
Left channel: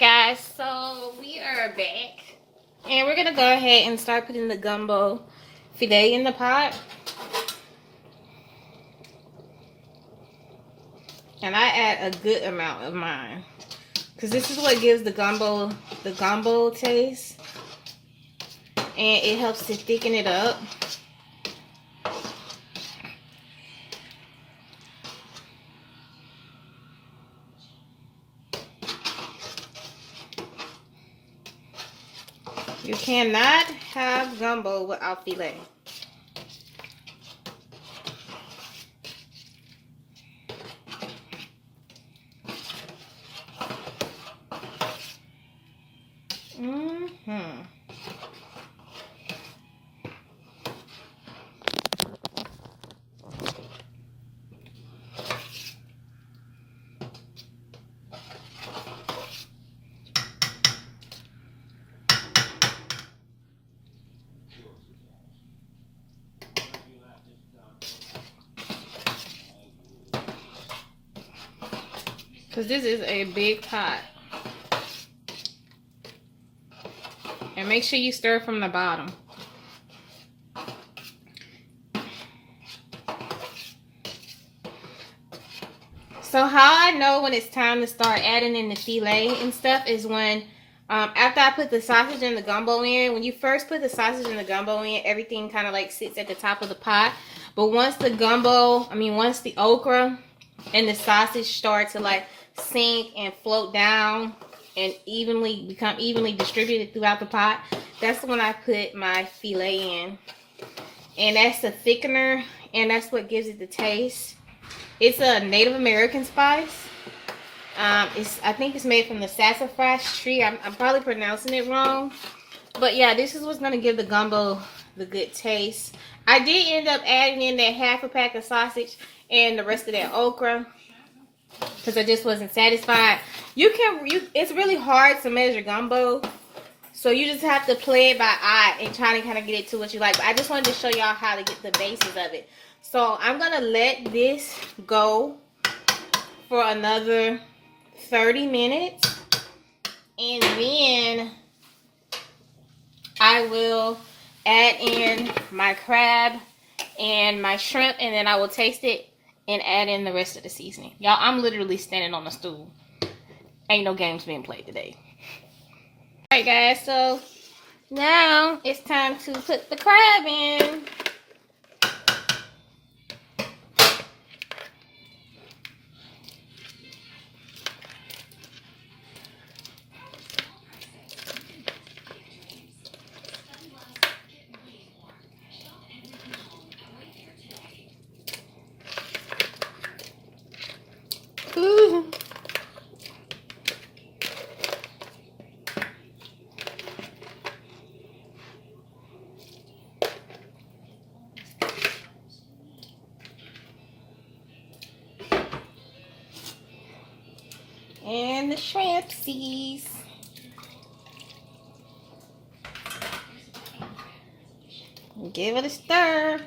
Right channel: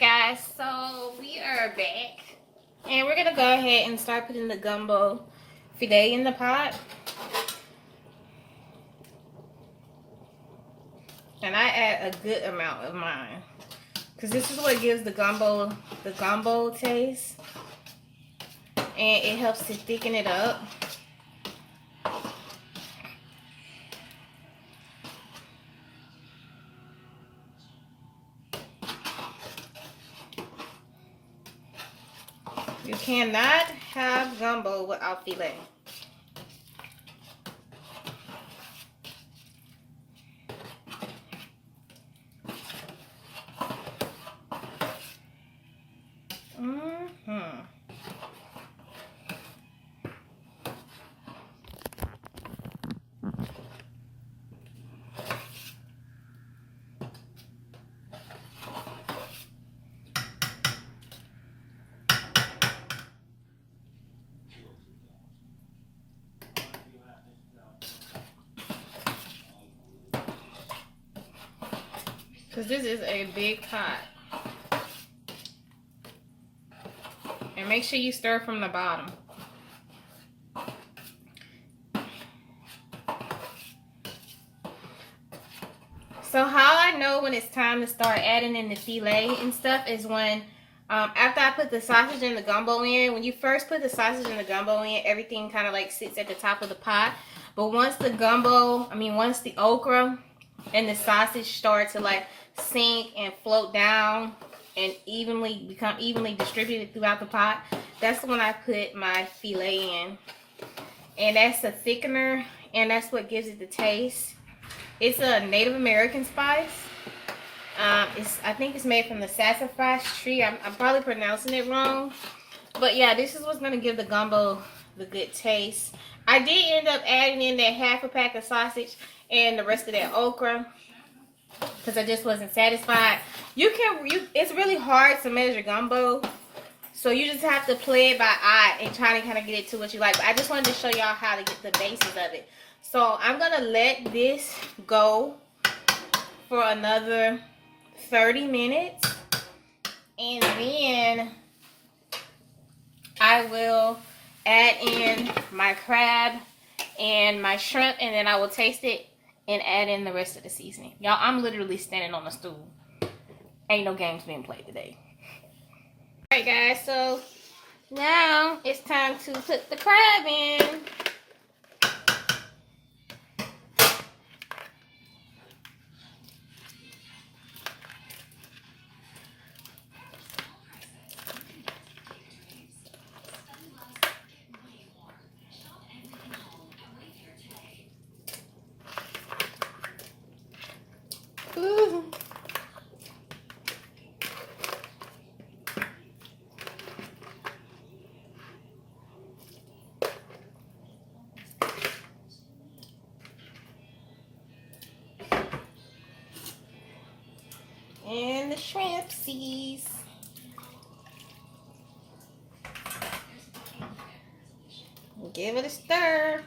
Guys, so we are back. And we're going to go ahead and start putting the gumbo filet in the pot. And I add a good amount of mine, because this is what gives the gumbo taste. And it helps to thicken it up. You cannot have gumbo without filet. Because this is a big pot. And make sure you stir from the bottom. So how I know when it's time to start adding in the filet and stuff is when, after I put the sausage and the gumbo in, when you first put the sausage and the gumbo in, everything kind of like sits at the top of the pot. But once the once the okra and the sausage start to like sink and float down and become evenly distributed throughout the pot, that's when I put my filet in. And that's a thickener, and that's what gives it the taste. It's a Native American spice. I think it's made from the sassafras tree. I'm probably pronouncing it wrong, but yeah, this is what's gonna give the gumbo the good taste. I did end up adding in that half a pack of sausage and the rest of that okra, because I just wasn't satisfied. It's really hard to measure gumbo, so you just have to play it by eye and try to kind of get it to what you like. But I just wanted to show y'all how to get the basis of it. So I'm gonna let this go for another 30 minutes, and then I will add in my crab and my shrimp, and then I will taste it and add in the rest of the seasoning. Y'all, I'm literally standing on a stool. Ain't no games being played today. Alright guys, so now it's time to put the crab in. Ooh. And the shrimpsies. Give it a stir.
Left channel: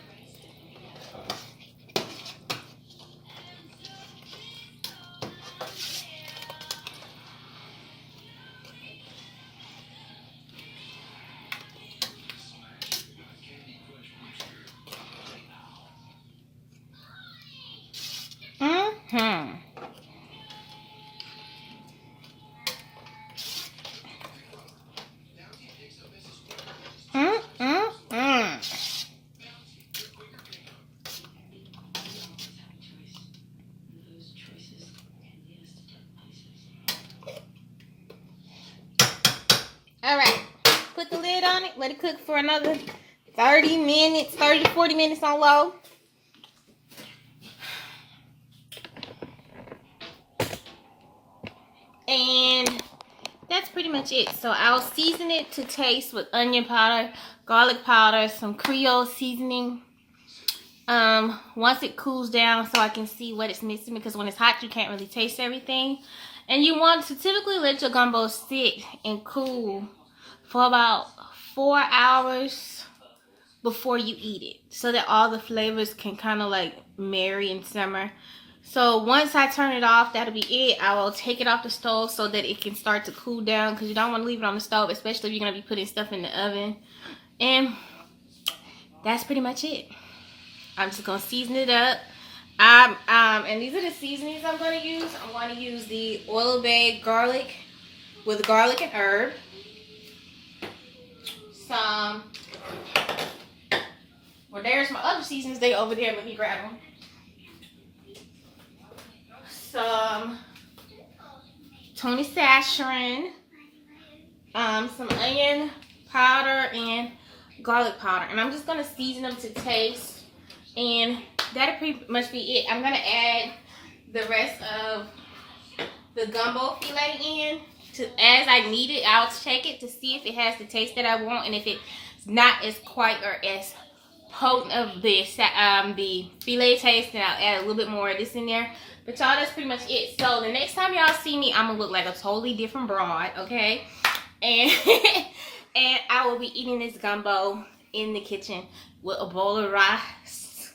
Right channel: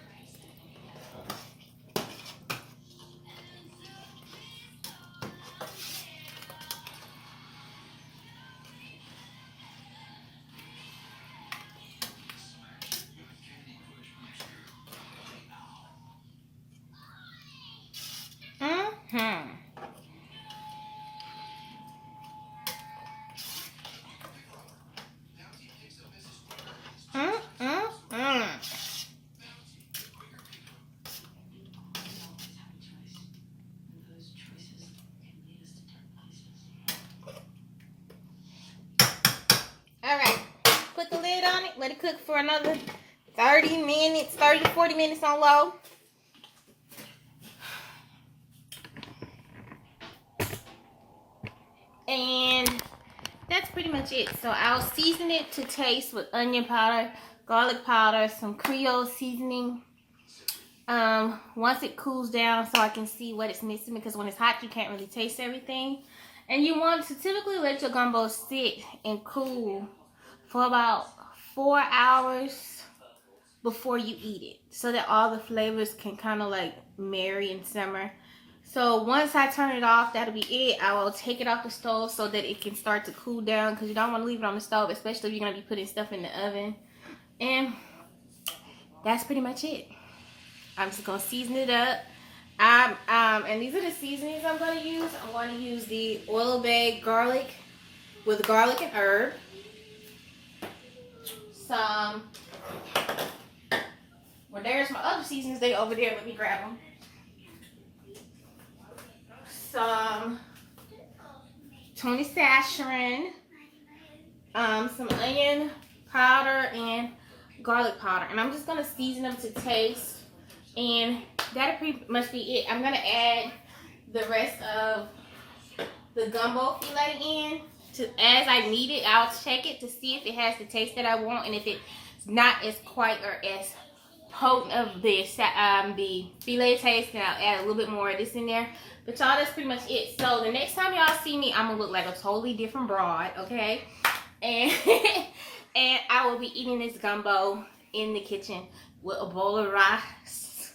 All right, put the lid on it, let it cook for another 30 minutes, 30 to 40 minutes on low. And that's pretty much it. So I'll season it to taste with onion powder, garlic powder, some Creole seasoning. Once it cools down so I can see what it's missing, because when it's hot you can't really taste everything. And you want to typically let your gumbo sit and cool for about 4 hours before you eat it, so that all the flavors can kind of like marry and simmer. So once I turn it off, that'll be it. I will take it off the stove so that it can start to cool down, because you don't want to leave it on the stove, especially if you're going to be putting stuff in the oven. And that's pretty much it. I'm just going to season it up. And these are the seasonings I'm going to use. I'm going to use the oil bay garlic with garlic and herb. Some, well, there's my other seasonings. They over there. Let me grab them. Some Tony Saccharin, some onion powder, and garlic powder. And I'm just going to season them to taste. And that'll pretty much be it. I'm going to add the rest of the gumbo filet in. As I need it, I'll check it to see if it has the taste that I want. And if it's not as quite or as potent of the filet taste, then I'll add a little bit more of this in there. But y'all, that's pretty much it. So the next time y'all see me, I'm going to look like a totally different broad, okay? And, and I will be eating this gumbo in the kitchen with a bowl of rice.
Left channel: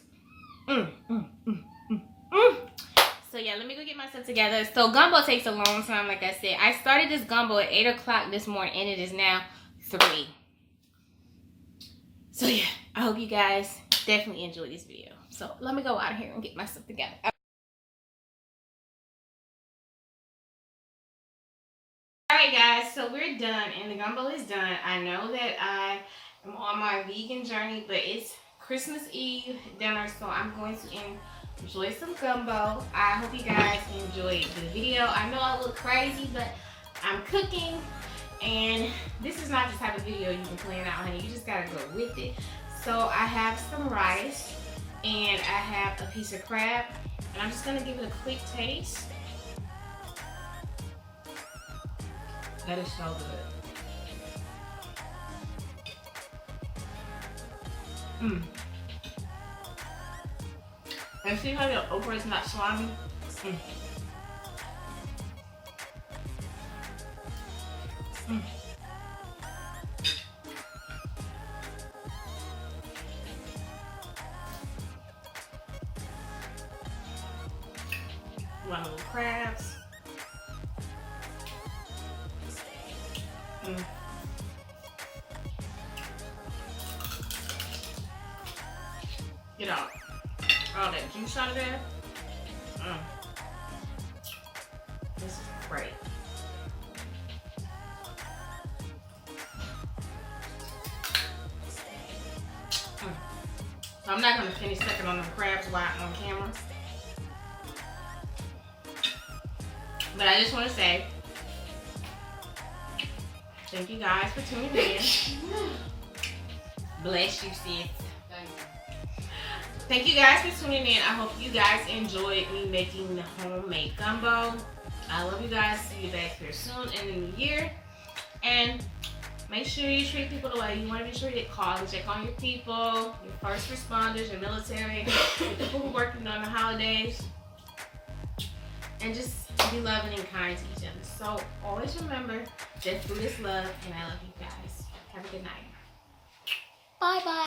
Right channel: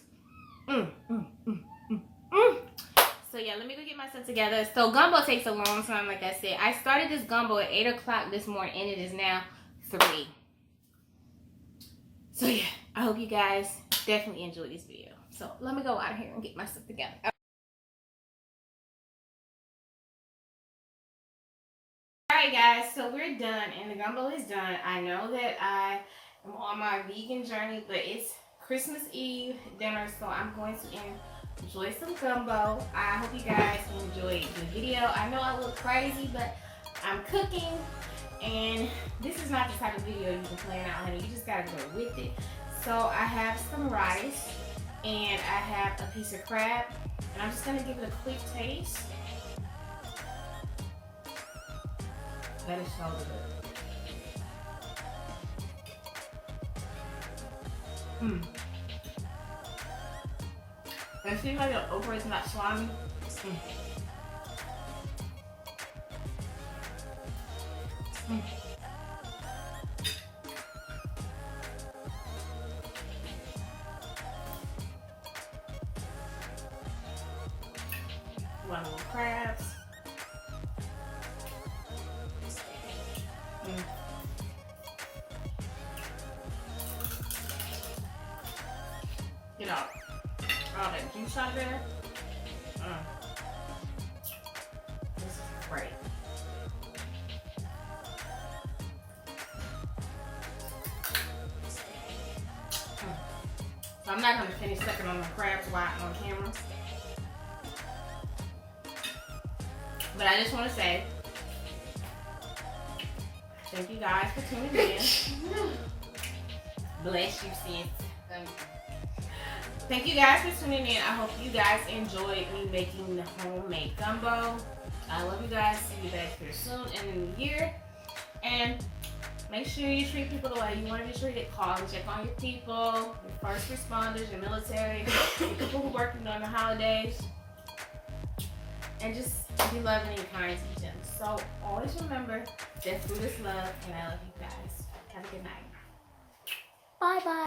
So yeah, let me go get myself together. So gumbo takes a long time, like I said. I started this gumbo at 8 o'clock this morning, and it is now 3. So yeah, I hope you guys definitely enjoyed this video. So let me go out here and get myself together. Alright guys, so we're done and the gumbo is done. I know that I am on my vegan journey, but it's Christmas Eve dinner, so I'm going to enjoy some gumbo. I hope you guys enjoyed the video. I know I look crazy, but I'm cooking, and this is not the type of video you can plan out, honey. You just gotta go with it. So I have some rice, and I have a piece of crab, and I'm just gonna give it a quick taste. That is so good. And see how the okra is not slimy? One little crabs. Get out all that juice out of there. This is great. So I'm not going to finish sucking on the crabs while I'm on camera. But I just want to say thank you guys for tuning in. Bless you, sis. Thank you guys for tuning in. I hope you guys enjoyed me making the homemade gumbo. I love you guys. See you back here soon in the new year. And make sure you treat people the way you want to be treated. Call and check on your people, your first responders, your military, your people who are working on the holidays. And just be loving and kind to each other. So always remember that food is love, and I love you guys. Have a good night. Bye-bye.